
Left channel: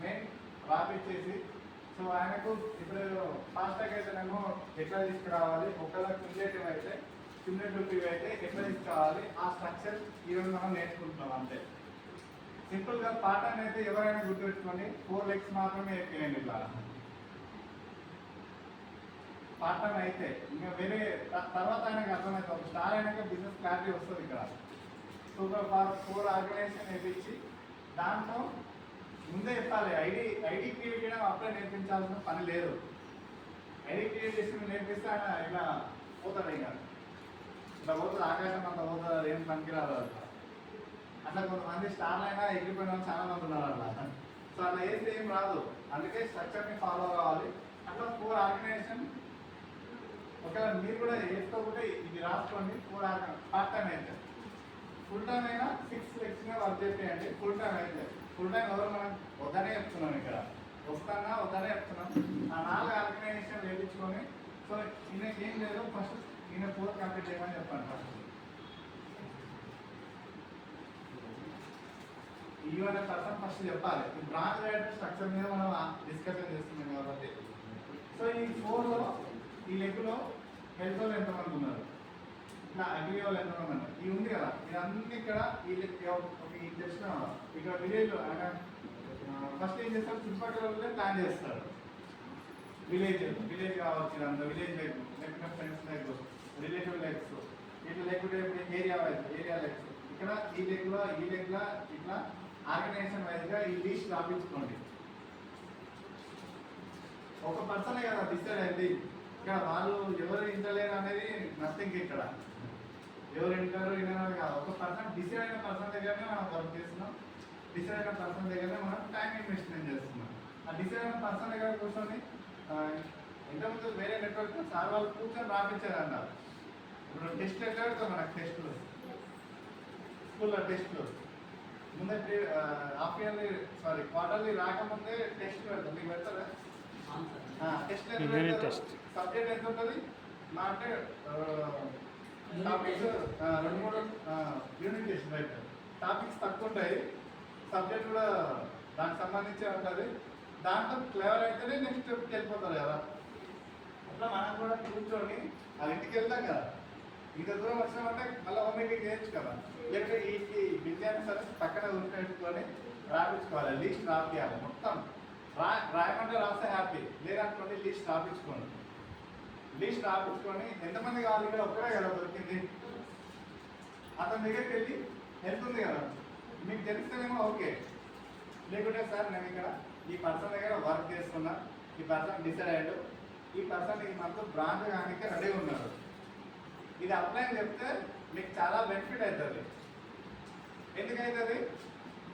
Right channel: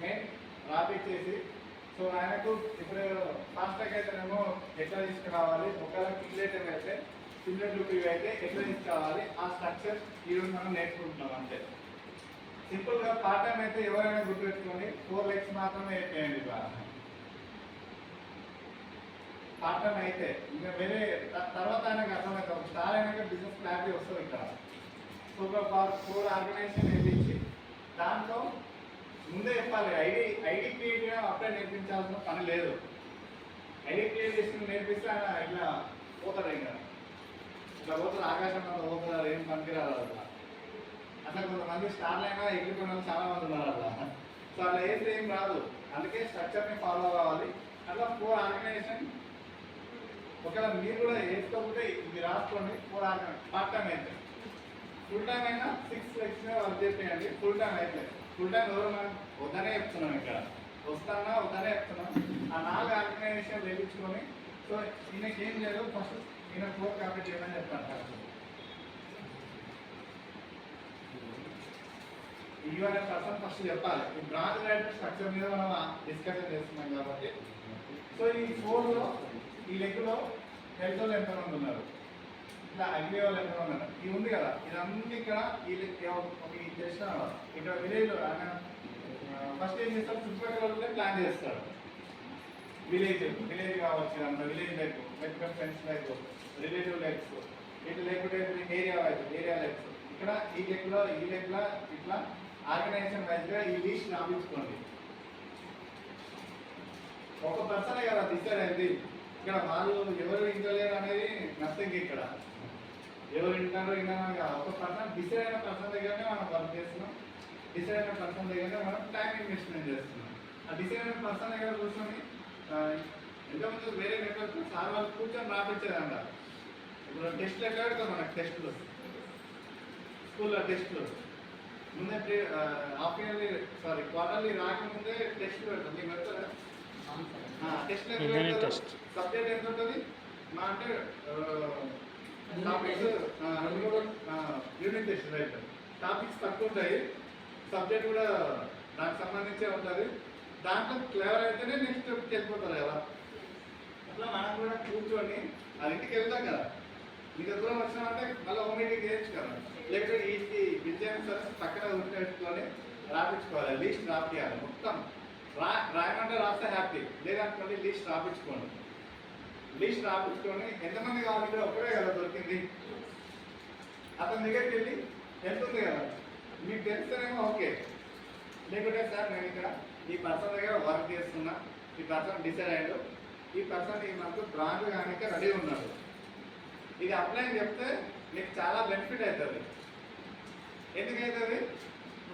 మెయిన్ రాపిడ్ చేసి, సో ఆయనకు ఇప్పుడు ఫాస్ట్ ట్యాగ్ అయితేనేమో ఎట్లా తీసుకురావాలి, ఒకవేళ క్యుములేటివ్ అయితే క్యుములేటివ్ అయితే ఎట్లా తీసుకురావాలి, ఆ స్ట్రక్చర్ ఈరోజు మనం నేర్చుకుంటున్నాం అంతే. సింపుల్గా పార్ట్ టైం అయితే ఎవరైనా గుర్తుపెట్టుకొని 4 legs మాత్రమే వేయండి. బాగా పార్ట్ టైం అయితే ఇంకా వేరే తర్వాత ఆయనకు అర్థమైతే ఒక స్టార్ అయినాక బిజినెస్ క్లారిటీ వస్తుంది. ఇక్కడ సో 4 ఆర్గనైజేషన్ వేయించి దాంట్లో ముందే చెప్పాలి. ఐడి క్రియేట్ చేయడం అప్పుడే నేర్పించాల్సిన పని లేదు. ఐడి క్రియేట్ చేసి నేర్పిస్తే ఆయన ఇట్లా పోతాడు, ఇంకా ఇట్లా పోతుంది, ఆకాశం అంతా పోతుంది, ఏం పనికిరాదు అట్లా. అట్లా కొంతమంది స్టార్లు అయినా ఎగిరిపోయిన వాళ్ళు చాలా మంది ఉన్నారు అట్లా. సో అట్లా వేస్తే ఏం రాదు. అందుకే స్ట్రక్చర్ని ఫాలో కావాలి. అట్లా 4 ఆర్గనైజేషన్ ఒకవేళ మీరు కూడా వేసుకోకుంటే ఇది రాసుకోండి. 4 పార్ట్ టైం అయితే, ఫుల్ టైం అయినా 6 legs మీద వర్క్ చేయండి. ఫుల్ టైం అయితే, ఫుల్ టైం ఎవరు మనం వద్దనే చెప్తున్నాం, ఇక్కడ వస్తానా వద్దనే చెప్తున్నాం. ఆ 4 ఆర్గనైజేషన్ వేయించుకొని, సో ఈయనకి ఏం లేదు, ఫస్ట్ ఈయన 4 కంప్లీట్ చేయమని చెప్పాను. ఫస్ట్ ఈవెన్ పర్సన్ ఫస్ట్ చెప్పాలి. ఈ బ్రాంచ్ రైడర్ స్ట్రక్చర్ మీద మనం డిస్కషన్ చేస్తున్నాం కాబట్టి, సో ఈ 4లో ఈ లెక్కలో హెల్త్ వాళ్ళు ఎంతమంది ఉన్నారు, ఇట్లా అగ్రి వాళ్ళు ఎంతమంది ఉన్నారు, ఇది ఉంది కదా, ఇదన్నీ ఇక్కడ ఈ తెలిసిన ఇక్కడ విలేజ్ ఆయన ఫస్ట్ ఏం చేస్తారు, చుట్టుపక్కల ప్లాన్ చేస్తారు. విలేజ్ కావచ్చు, ఇదంతా విలేజ్ లెగ్, లేకపోతే ఫ్రెండ్స్ లెగ్, రిలేటివ్ లెగ్స్, ఇట్లా లేకపోతే ఏరియా వైజ్ ఏరియా లెగ్స్. ఇక్కడ ఈ లెగ్లో ఇట్లా ఆర్గనైజేషన్ వైజ్గా ఈ లిస్ట్ రాపించుకోండి. ఒక పర్సనే కదా డిసైడ్ అయింది. ఇక్కడ వాళ్ళు ఎవరు ఇంటలేరు అనేది నథింగ్. ఇక్కడ ఎవరు వింటారు విన్నాను కదా, ఒక పర్సన్ డిసైడ్ అయిన పర్సన్ దగ్గరనే మనం వర్క్ చేస్తున్నాం. డిసైడ్ అయిన పర్సన్ దగ్గరనే మనం టైం ఇన్వెస్ట్మెంట్ చేస్తున్నాం. ఆ డిసైడ్ అయిన పర్సన్ దగ్గర కూర్చొని ఎంతమంది వేరే నెట్వర్క్ సార్ వాళ్ళు కూర్చొని రాపించారంట. ఇప్పుడు టెస్ట్లు ఎట్లా పెడతాం మనకు, టెస్ట్లు స్కూల్లో టెస్ట్లు ముందే క్వార్టర్లీ రాకముందే టెస్ట్ పెడతాం. మీకు పెడతారు టెస్ట్ సబ్జెక్ట్ ఎంత ఉంటుంది మా అంటే 2-3 యూనిట్ టెస్ట్, రైట్. టాపిక్స్ తక్కువ ఉంటాయి, సబ్జెక్ట్ కూడా దానికి సంబంధించి ఉంటుంది. దాంట్లో క్లియర్ అయితేనే నెక్స్ట్ స్టెప్కి వెళ్ళిపోతుంది కదా. అట్లా మనం కూడా కూర్చొని అది ఇంటికి వెళ్తాం కదా, మీ దగ్గర వచ్చినామంటే మళ్ళీ హోమ్ మీటింగ్ చేయొచ్చు కదా, లేకపోతే ఈ విద్యాన్ని సరే పక్కన ఉంటేసుకొని రాపించుకోవాలి. లిస్ట్ రాపియాలి మొత్తం. రాయమంటే రాస్తే హ్యాపీ, లేదనుకోండి లిస్ట్ రాపించుకోండి. లిస్ట్ రాపించుకొని ఎంతమంది కావాలి, ఇక్కడ ఒక్కడే కదా దొరికింది, అతని దగ్గరికి వెళ్ళి ఎంత ఉంది కదా మీకు తెలిస్తేనేమో ఓకే, లేకుంటే సార్ నేను ఇక్కడ ఈ పర్సన్ దగ్గర వర్క్ చేస్తున్నా, ఈ పర్సన్ డిసైడ్ అయ్యాడు, ఈ పర్సన్ ఈ మంత్ బ్రాండ్ కానీ రెడీ ఉన్నాడు, ఇది అప్లై అని చెప్తే మీకు చాలా బెనిఫిట్ అవుతుంది. ఎందుకవుతుంది,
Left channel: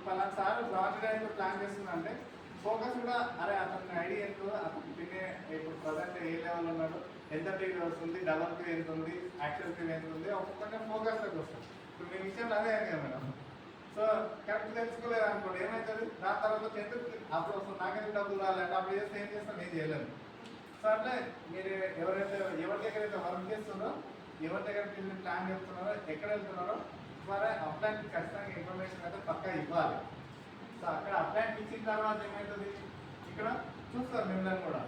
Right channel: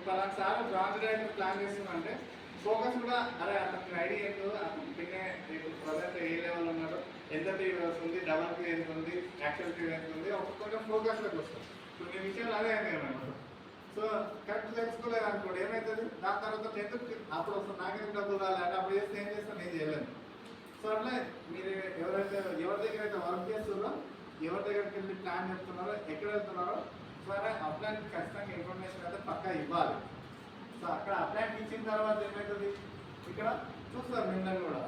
పలానా సార్ బ్రాండ్ రైడర్ ప్లాన్ చేస్తుందంటే ఫోకస్ కూడా అరే అతనికి ఐడియా ఎంతో, అతను పిన్నే ఇప్పుడు ప్రజెంట్ ఏ లెవెల్ ఉన్నాడు, ఎంత పీ వస్తుంది, డబల్ పీ ఎంత ఉంది, యాక్చువల్ పీ ఎంత ఉంది, ఒక్కొక్క ఫోకస్లోకి వస్తుంది. ఇప్పుడు మీ విషయంలో అదే అయింది కదా మేడం. సో సో కరెక్ట్ తెలుసుకోలేదు అనుకోండి ఏమవుతుంది, దాని తర్వాత 10th అప్పుడు వస్తుంది నాకెందుకు డబ్బులు రాలంటే అప్పుడు చేస్తే ఏం చేస్తాను, నేను చేయలేను. సో అట్లా మీరు ఎవరి దగ్గర అయితే వర్క్ చేస్తున్నారో, ఎవరి దగ్గరికి వెళ్ళి ప్లాన్ చెప్తున్నారో, ఎక్కడ వెళ్తున్నారో ద్వారా అప్లైన్కి ఖచ్చితంగా ఇన్ఫర్మేషన్ అయితే పక్కా ఇవ్వాలి. సో అక్కడ అప్లైన్ ఇచ్చిన తర్వాత ఏమవుతుంది, ఇక్కడ చూస్తారు మిమ్మల్ని కూడా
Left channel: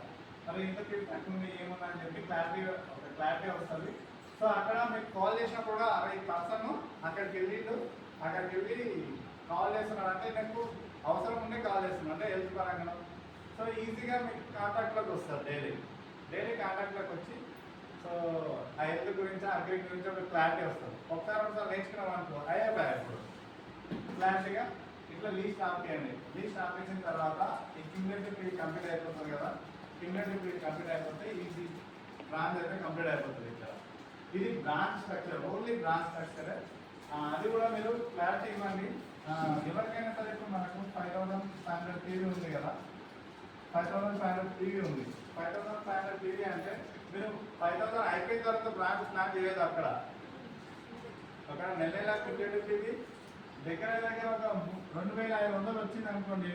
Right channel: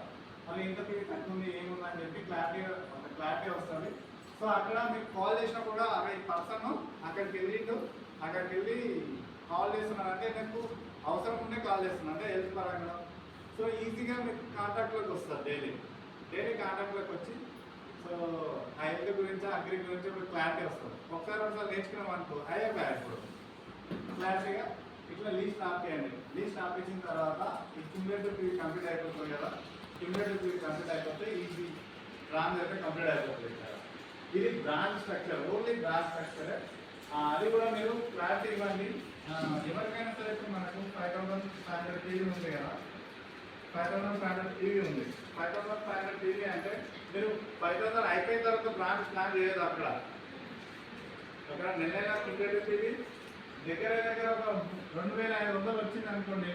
అవి ఇంత ఫీడ్బ్యాక్ ఉంది ఏముంది అని చెప్పి క్లారిటీ వస్తుంది. సో అక్కడ మీకు కాల్ చేసినా కూడా అరే ఈ పర్సన్ అక్కడికి వెళ్ళి కాల్ చేస్తున్నారు అంటే నాకు అవసరం ఉండే కాల్ చేస్తున్నారు అంటే హెల్త్ పరంగా. సో ఈజీగా మీకు కాంటాక్ట్లోకి వస్తారు, డైలీ కాంటాక్ట్లోకి వచ్చి సో ఆ హెల్త్ గురించి అగ్రి గురించి ఒక క్లారిటీ వస్తుంది. ఒకసారి నేర్చుకున్నాం అనుకో అయిపోయాయి. ఇప్పుడు క్లారిటీగా ఇట్లా లీస్ట్ ఆపేయండి. లీస్ట్ ఆపేసిన తర్వాత ఈ క్యూములేటివ్ పీరియడ్ కంప్లీట్ అయిపోతుంది కదా, క్యూములేటివ్ పీరియడ్ కంప్లీట్ అయిపోతే ఈ బ్రాంచ్ అయితే కంప్లీట్ అయిపోతుంది ఇక్కడ. ఇది branch structure, only branch structure. అది కూడా మీరు క్లారిటీ ఇవ్వండి. ఎవరికైనా సరే ఇప్పుడు మనకు 5500 టీవీ ఉంది కదా, 5500 టీవీ ఉంది. 5500 టీవీ అంటే మీరు 5000 అయిపోయిన తర్వాత బ్రాంచ్ ప్లాన్ చేయదు. అక్కడ నెల క్రికెట్ టీవీ దగ్గర ఒక 2500 వచ్చింది అనుకోండి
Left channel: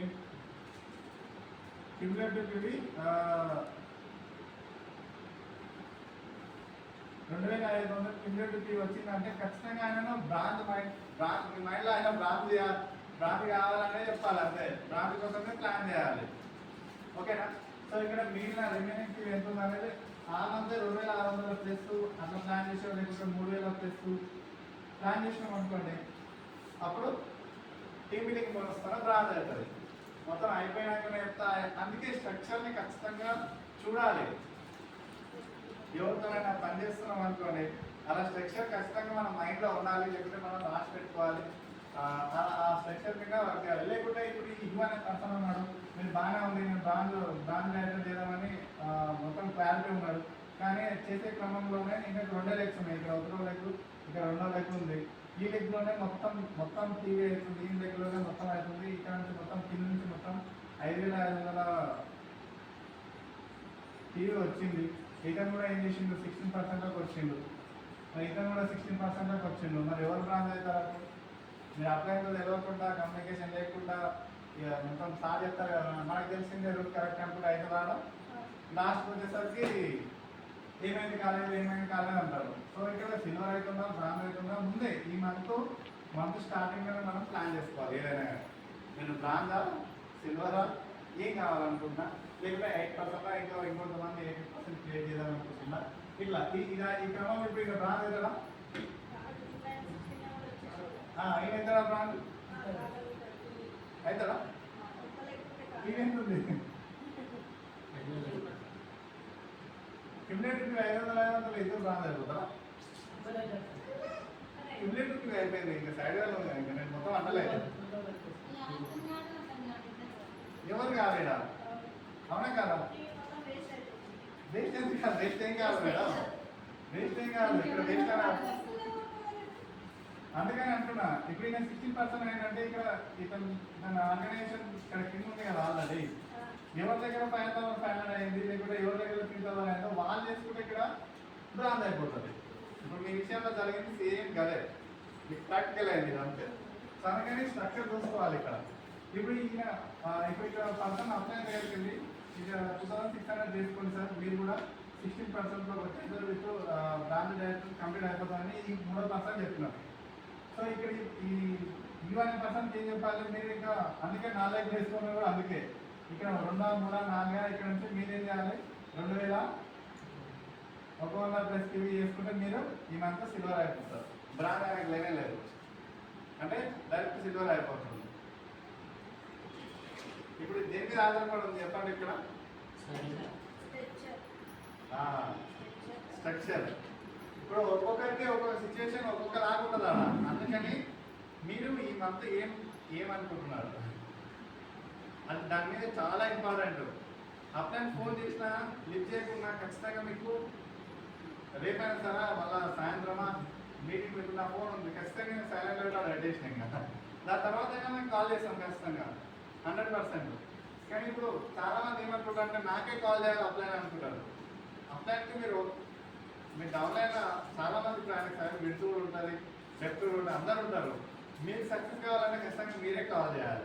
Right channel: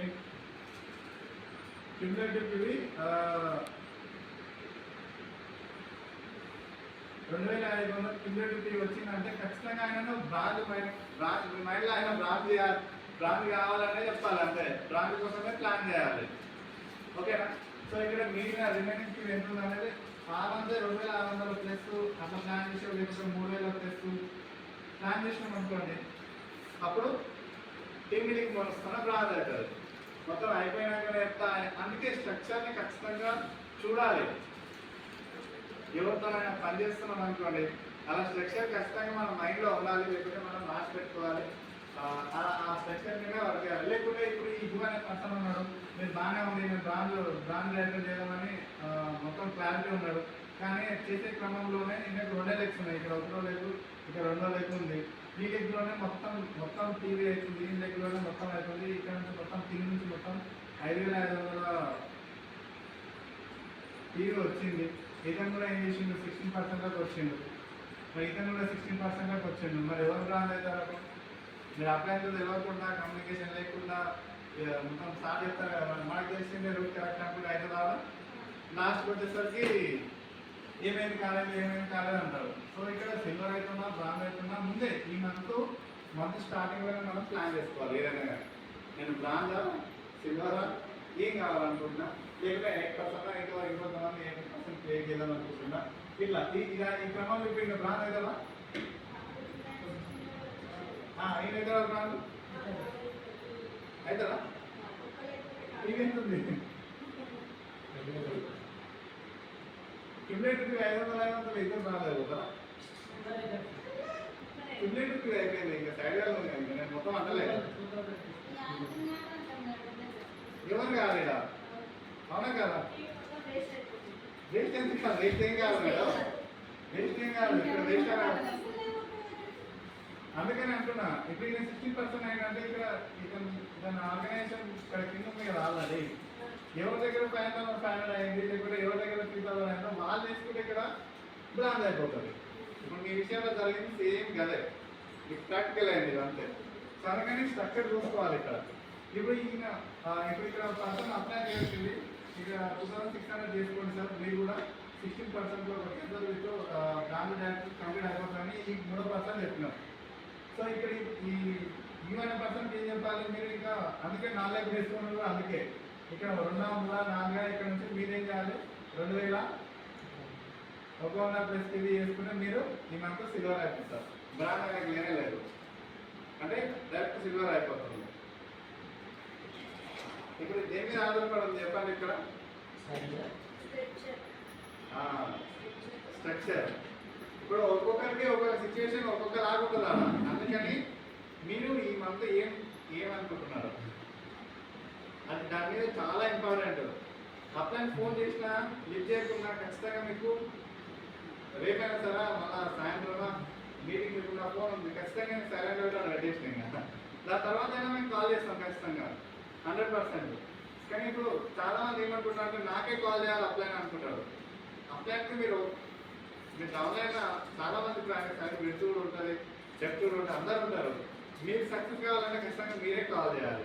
క్రికెట్ టీవీ. 2500 క్రికెట్ టీవీ వచ్చిందంటే ఖచ్చితంగా ఆయన బ్రాంచ్ మైండ్లో ఆయన బ్రాంచ్ కావాలనే చెప్పాలి. అంతే, బ్రాంచ్ కోసమే ప్లాన్ చేయాలి. ఓకేనా? సో ఇక్కడ మిగిలిన రిమైనింగ్ టీవీ ఎంత ఉంది అనేది 2600 ప్లస్ అట్లా ప్లాన్ చేసి లేకపోతే 3000 ప్లస్ ప్లాన్ చేసినాం అనుకోండి, అప్పుడు టీమ్ మీటింగ్ వస్తున్నా బ్రాంచ్ అవుతుంది. మొత్తం అయిపోయినాకనే చెప్తా. అందుకే స్ట్రక్చర్ని ఖచ్చితంగా చూడాలి. ఎవరితోనైనా పని చేస్తున్నాం అనుకోండి, అలా స్ట్రక్చర్ ఖచ్చితంగా మన మైండ్లో ఉండాలి, లేకపోతే మనం రాసి పెట్టుకోవాలి. ఆ స్ట్రక్చర్ మీద వర్క్ చేయాలి. లేకుంటే ఇప్పుడు ఈ అనే పర్సన్ ఉన్నాడు, మీరు బాగానే ఉంది, నేను బ్రాండ్ డైరెక్టర్ చేయాలని మొత్తం క్లారిటీ ఉన్నాడు. కానీ చేసే క్రమంలోనే ఇంకా 2 లెగ్స్ ఉన్నాయి. ఇక్కడ 1 లెగ్, ఇక్కడ 2 లెగ్ ఉంది. ఈ లెగ్లోనే మొత్తం టీవీ అవుతుంది, ఈ లెగ్లోనే మొత్తం అవుతుంది. ఇక్కడ నుంచి మొత్తం టీవీ నుంచి మొత్తం 5500 టీవీ వచ్చింది. ఇతను కూడా ఏం చేసిండు, 16% వచ్చిండు. ఇతను కూడా 16% వచ్చిండు. మరి ఎవరు బ్రాండ్ అవుతారు? మీరు అప్లైన్తో తెలియకుండా, కమ్యూనికేషన్ లేకుండా మొత్తం స్టార్ట్ చేస్తారు కదా. మనకు తెలిసిందే రూట్ కరెక్ట్ అనుకుంటే అవుతుందా, లాస్ట్ వచ్చేసరికి ఏమైంది కాలేదు అంటారు. సో ఇక్కడ సిల్వర్ అవుతుందా, బ్రాండ్ అవుతుందా ముందే ఈ మంత్ స్టార్టింగ్లోనే మనం ప్లాన్ చేసుకోవాలి. ఏదైనా కానీ నేను బ్రాండా, సిల్వరా, ఏం కావాలనుకుంటున్నా, లేకపోతే 8% ఇంకా ఇంకొంతమంది 8% పే చేద్దాం అనుకుంటున్నా. ఇట్లా ఈ క్రమం ఇప్పుడు ఇంకా బ్రాండ్ అవుతుందా, ఏమవుతుందా బ్రాండ్ అవుతుందా? ఇంకెంతుంది క్యూములేటివ్ 500 ఇద్దరు బ్రాండ్ అవుతుందా? క్యూములేటివ్ అయిపోయింది, ఇంకా సైడ్ వేలో ఉంది. ఇంకా నేను మొత్తం అంటలేదు. ఎవరు కాలేదా? అవునా కదా? వేస్ట్ ఎందుకు కాదు, వేస్ట్ ఏం కాదు కదా, వేస్ట్ ఏం కాదు. ఇక్కడ వేస్ట్ కాదు. అందుకని అంటున్నా, ఇప్పుడు నేను 16% ఏంటంటే ఇక్కడ ఇతను ఆర్గనైజేషన్ ఇక్కడ కింద ఉంది కదా ఆల్రెడీ. ఎవరి దగ్గర 5500 అయింది, లేకపోతే ఎవరి దగ్గర 3000 అయిందో వాళ్ళు చేసుకుంటే ఇక్కడ బ్రాండ్ అయిపోతుంది. ఇప్పుడు మీ విషయంలో జరిగింది సేమ్ కదే, మీకు ప్రాక్టికల్ అయింది ఇది అంతే. సో అందుకని స్ట్రక్చర్ చూసుకోవాలి ఇక్కడ. ఇప్పుడు ఇక్కడ పర్సన్ అప్లై చేసింది, ఇక 2600 చేసుకోండి సార్. మీరు కూడా 16%లో వచ్చేసారు, మీకు బ్రాండ్ డైరెక్టర్ కంప్లీట్ అయిపోతుందని ఈ 3% చెప్పినారు. సో ఇక్కడ ఈ 1% ఏం చెప్పాలి మీరు, ఇంకా అందుకే 4 వేసుకున్నారు. అందుకే ఇక్కడ 2, 3, 4 ఇక్కడ నుంచి మీరేం చేయాలి, 2100 ప్లస్ టీవీ చేసుకుంటే మీరు ఈ మంత్ సిల్వర్ అయిపోతారు. బ్రాండ్ అనేది లేనే లేదు, అంటే డైరెక్ట్ సిల్వర్ అయిపోతుంది. ఇప్పుడు దేని మీద ఆధారపడి ఉంది చెప్పండి ఇక్కడ, స్ట్రక్చర్. ఇప్పుడు ఒక్కొక్కరికి ఒక్కొక్క సిచ్యువేషన్ ఒక్కొక్క లాగుంటుందా. అందుకని మీరు ఈ మంత్ ఏమనుకుంటున్నారు అది దాని మీద చాలా ఇంపార్టెంట్. అప్లైన్ ఫోన్ చేసినా లిఫ్ట్ చేయకుండా ఖచ్చితంగా మీకు రేపైనా సరే మళ్ళా సాయంత్రమా మీటింగ్ మీకు నా ఫోన్ ఉంది, ఖచ్చితంగా నేను సైలెంట్ పెట్టాను రెడేషన్. ఇంకా దాని తర్వాత అయినా మేము కాల్ చేస్తాం ఖచ్చితంగా 100%. కానీ ఇప్పుడు చాలామంది ఏమనుకుంటారు అంటే నాకే కాల్ చేయాలి అప్లైన్ అనుకుంటారు. అప్లైన్కి మీరు డౌన్లైన్ చాలామంది ప్లాన్ సార్ విడుతూ ఉంటుంది, చెప్తూ ఉంటుంది, అందరు ఉంటారు. మీరు సక్సెస్ కావాలంటే ఖచ్చితంగా మీరే కాల్ చేయాలి.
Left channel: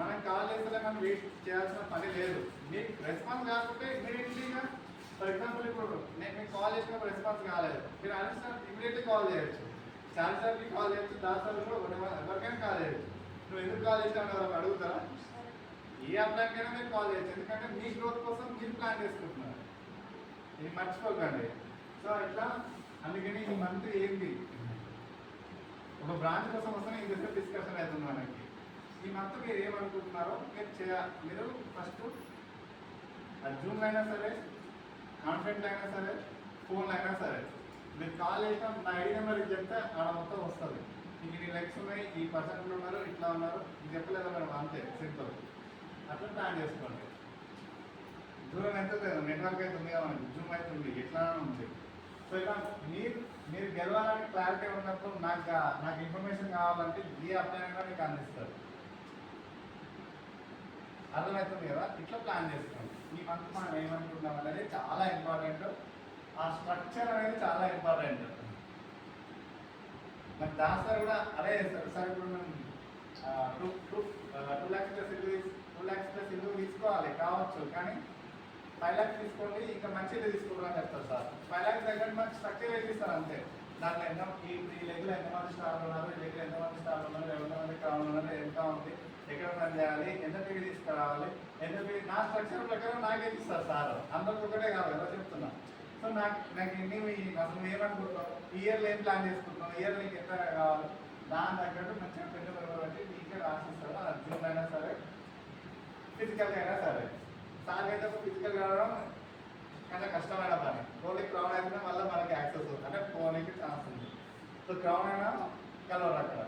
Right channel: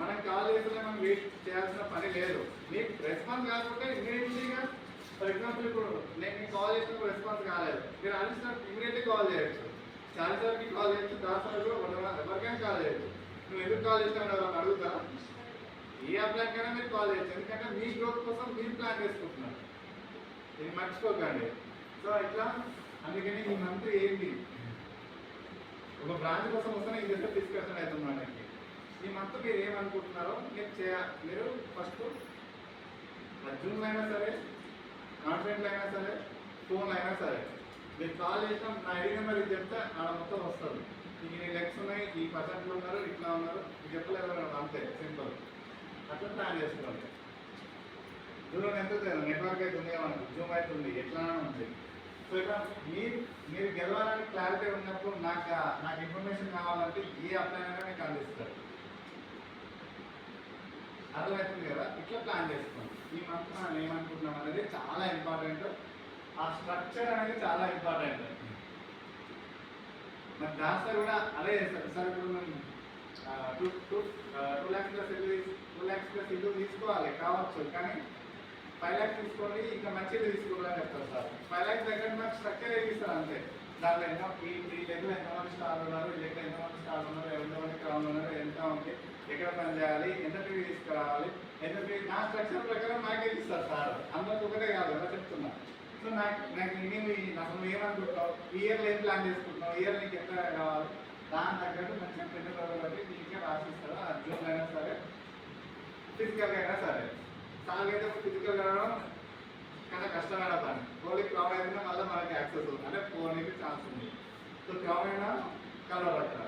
మనం కాల్ చేస్తే మనం వెయిట్ చేయాల్సిన పని లేదు. మీకు రెస్పాన్స్ కాకపోతే ఇమీడియట్లీగా, ఫర్ ఎగ్జాంపుల్ ఇప్పుడు నేను మీకు కాల్ చేసినప్పుడు రెస్పాన్స్ కాలేదు, మీరు అనిల్ సార్ ఇమీడియట్లీ కాల్ చేయొచ్చు, చాలు సార్కి కాల్ చేయొచ్చు, దాని సార్ కూడా ఎవరికైనా కాల్ చేయొచ్చు. నువ్వు ఎందుకు కాల్ చేస్తామని ఎవరైనా అడుగుతారా? ఏ అప్లైకైనా మీరు కాల్ చేయొచ్చు, ఎందుకంటే మీ గ్రోత్ కోసం మీరు ప్లాన్ చేసుకుంటున్నారు. ఇది మర్చిపోకండి. సో ఇట్లా అందుకని ఈ మంత్ ఏంటి, ఒక బ్రాంచ్ కోసం వస్తేనే ఇది డిస్కషన్ అవుతుంది మనకి. ఈ మంత్ మీరు ఏమనుకుంటున్నారో మీరు చేయాలి. మీరు ఫస్ట్ జూమ్లో అయినా సరే, కాన్ఫరెన్స్ అయినా సరే, ఫోన్లో అయినా సరే, మీరు కాల్ చేసినా నా ఐడి నెంబర్ ఇది చెప్తే ఆడ మొత్తం వస్తుంది. మీకు నీ లెక్స్ ఉన్నాయి, ఈ పర్సెంట్లు ఉన్నారు, ఇట్లా ఉన్నారు, ఇది చెప్పలేదు అంతే, సింపుల్. అట్లా ప్లాన్ చేసుకోండి. దూరం ఎంత నెట్వర్క్ అయితే ఉంది మనకు, జూమ్ అయితే ఉంది, ఎట్లానే ఉంది. సో ఇలా మీరు గెలవాలని క్లారిటీ ఉన్నప్పుడు నాకు ఇన్ఫర్మేషన్ కావాలంటే ఏ అప్లై అయినా మీకు అందిస్తారు. అర్థమవుతుంది కదా? ఇట్లా ప్లాన్ చేసుకోండి. ఈ మంత్ మనం ఏమనుకుంటున్నాం అనేది చాలా ఇంపార్టెంట్. ఆ స్ట్రక్చర్ అనేది చాలా ఇంపార్టెంట్. మరి దాంట్లో కూడా అదే చేస్తారు సార్. ఇప్పుడు మేము 2 lakhs ప్లస్ ఇల్లు తీసుకోవాలి కావచ్చు, కానీ 5 lakhs తీసుకోండి, ఇంకా మంచిగా తీసుకోవాలని చెప్తారు సార్. 5 lakhs దగ్గర నాకు స్ట్రక్చర్ వేసిస్తారు అంతే. దాంట్లో ఈ లెవెల్ ఎంతమంది స్టార్ ఉన్నారు, ఇక్కడ ఎంతమంది స్టార్ ఉన్నారు, ఎంతమంది క్రౌన్ ఉన్నారు, ఎంత ఉంది, ఎక్కడ పని చేయాలి, ఎంత ఫీజు తీసుకురావాలి, ఎంత ఫీజు, నా స్ట్రక్చర్ ప్రకారం నాకే ఇస్తారు సార్. అందరికి ఒకటే కాదు ఎలా చెప్తున్నా. సో నాకు ఇన్ని అసలు ఏమనుకుంటున్నావు, ఇయర్లో ఏం ప్లాన్ చేసుకుంటున్నావు, ఇయర్ నీకు ఎంత కావాలి, దాని తగ్గట్టు మంచిగా పెద్ద బట్టి నీకే రాసిస్తారు. అది జూన్ అయినా సరే, ఫిజికల్గా అయినా సరే. సార్ అయితే ఫిజికల్ కావడం చాలా కష్టమైన పని. కోళ్ళకి క్రౌడ్ అయితేనే మళ్ళీ మనకి యాక్సెస్ ఉంది, అంటే ఫోన్కి ఛాన్స్ ఉంది. సో క్రౌడ్ అయినా కలవరు అక్కడ.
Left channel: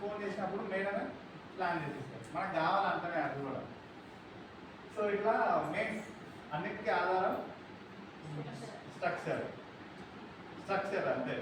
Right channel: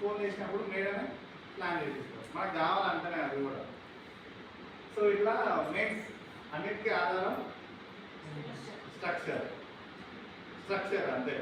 ఫోన్ చేసినప్పుడు మేడమే ప్లాన్ చేసిస్తారు, మనకు కావాలంటేనే అది కూడా. సో ఇట్లా మెయిన్ అన్నిటికీ ఆధారం స్ట్రక్చర్ అంతే.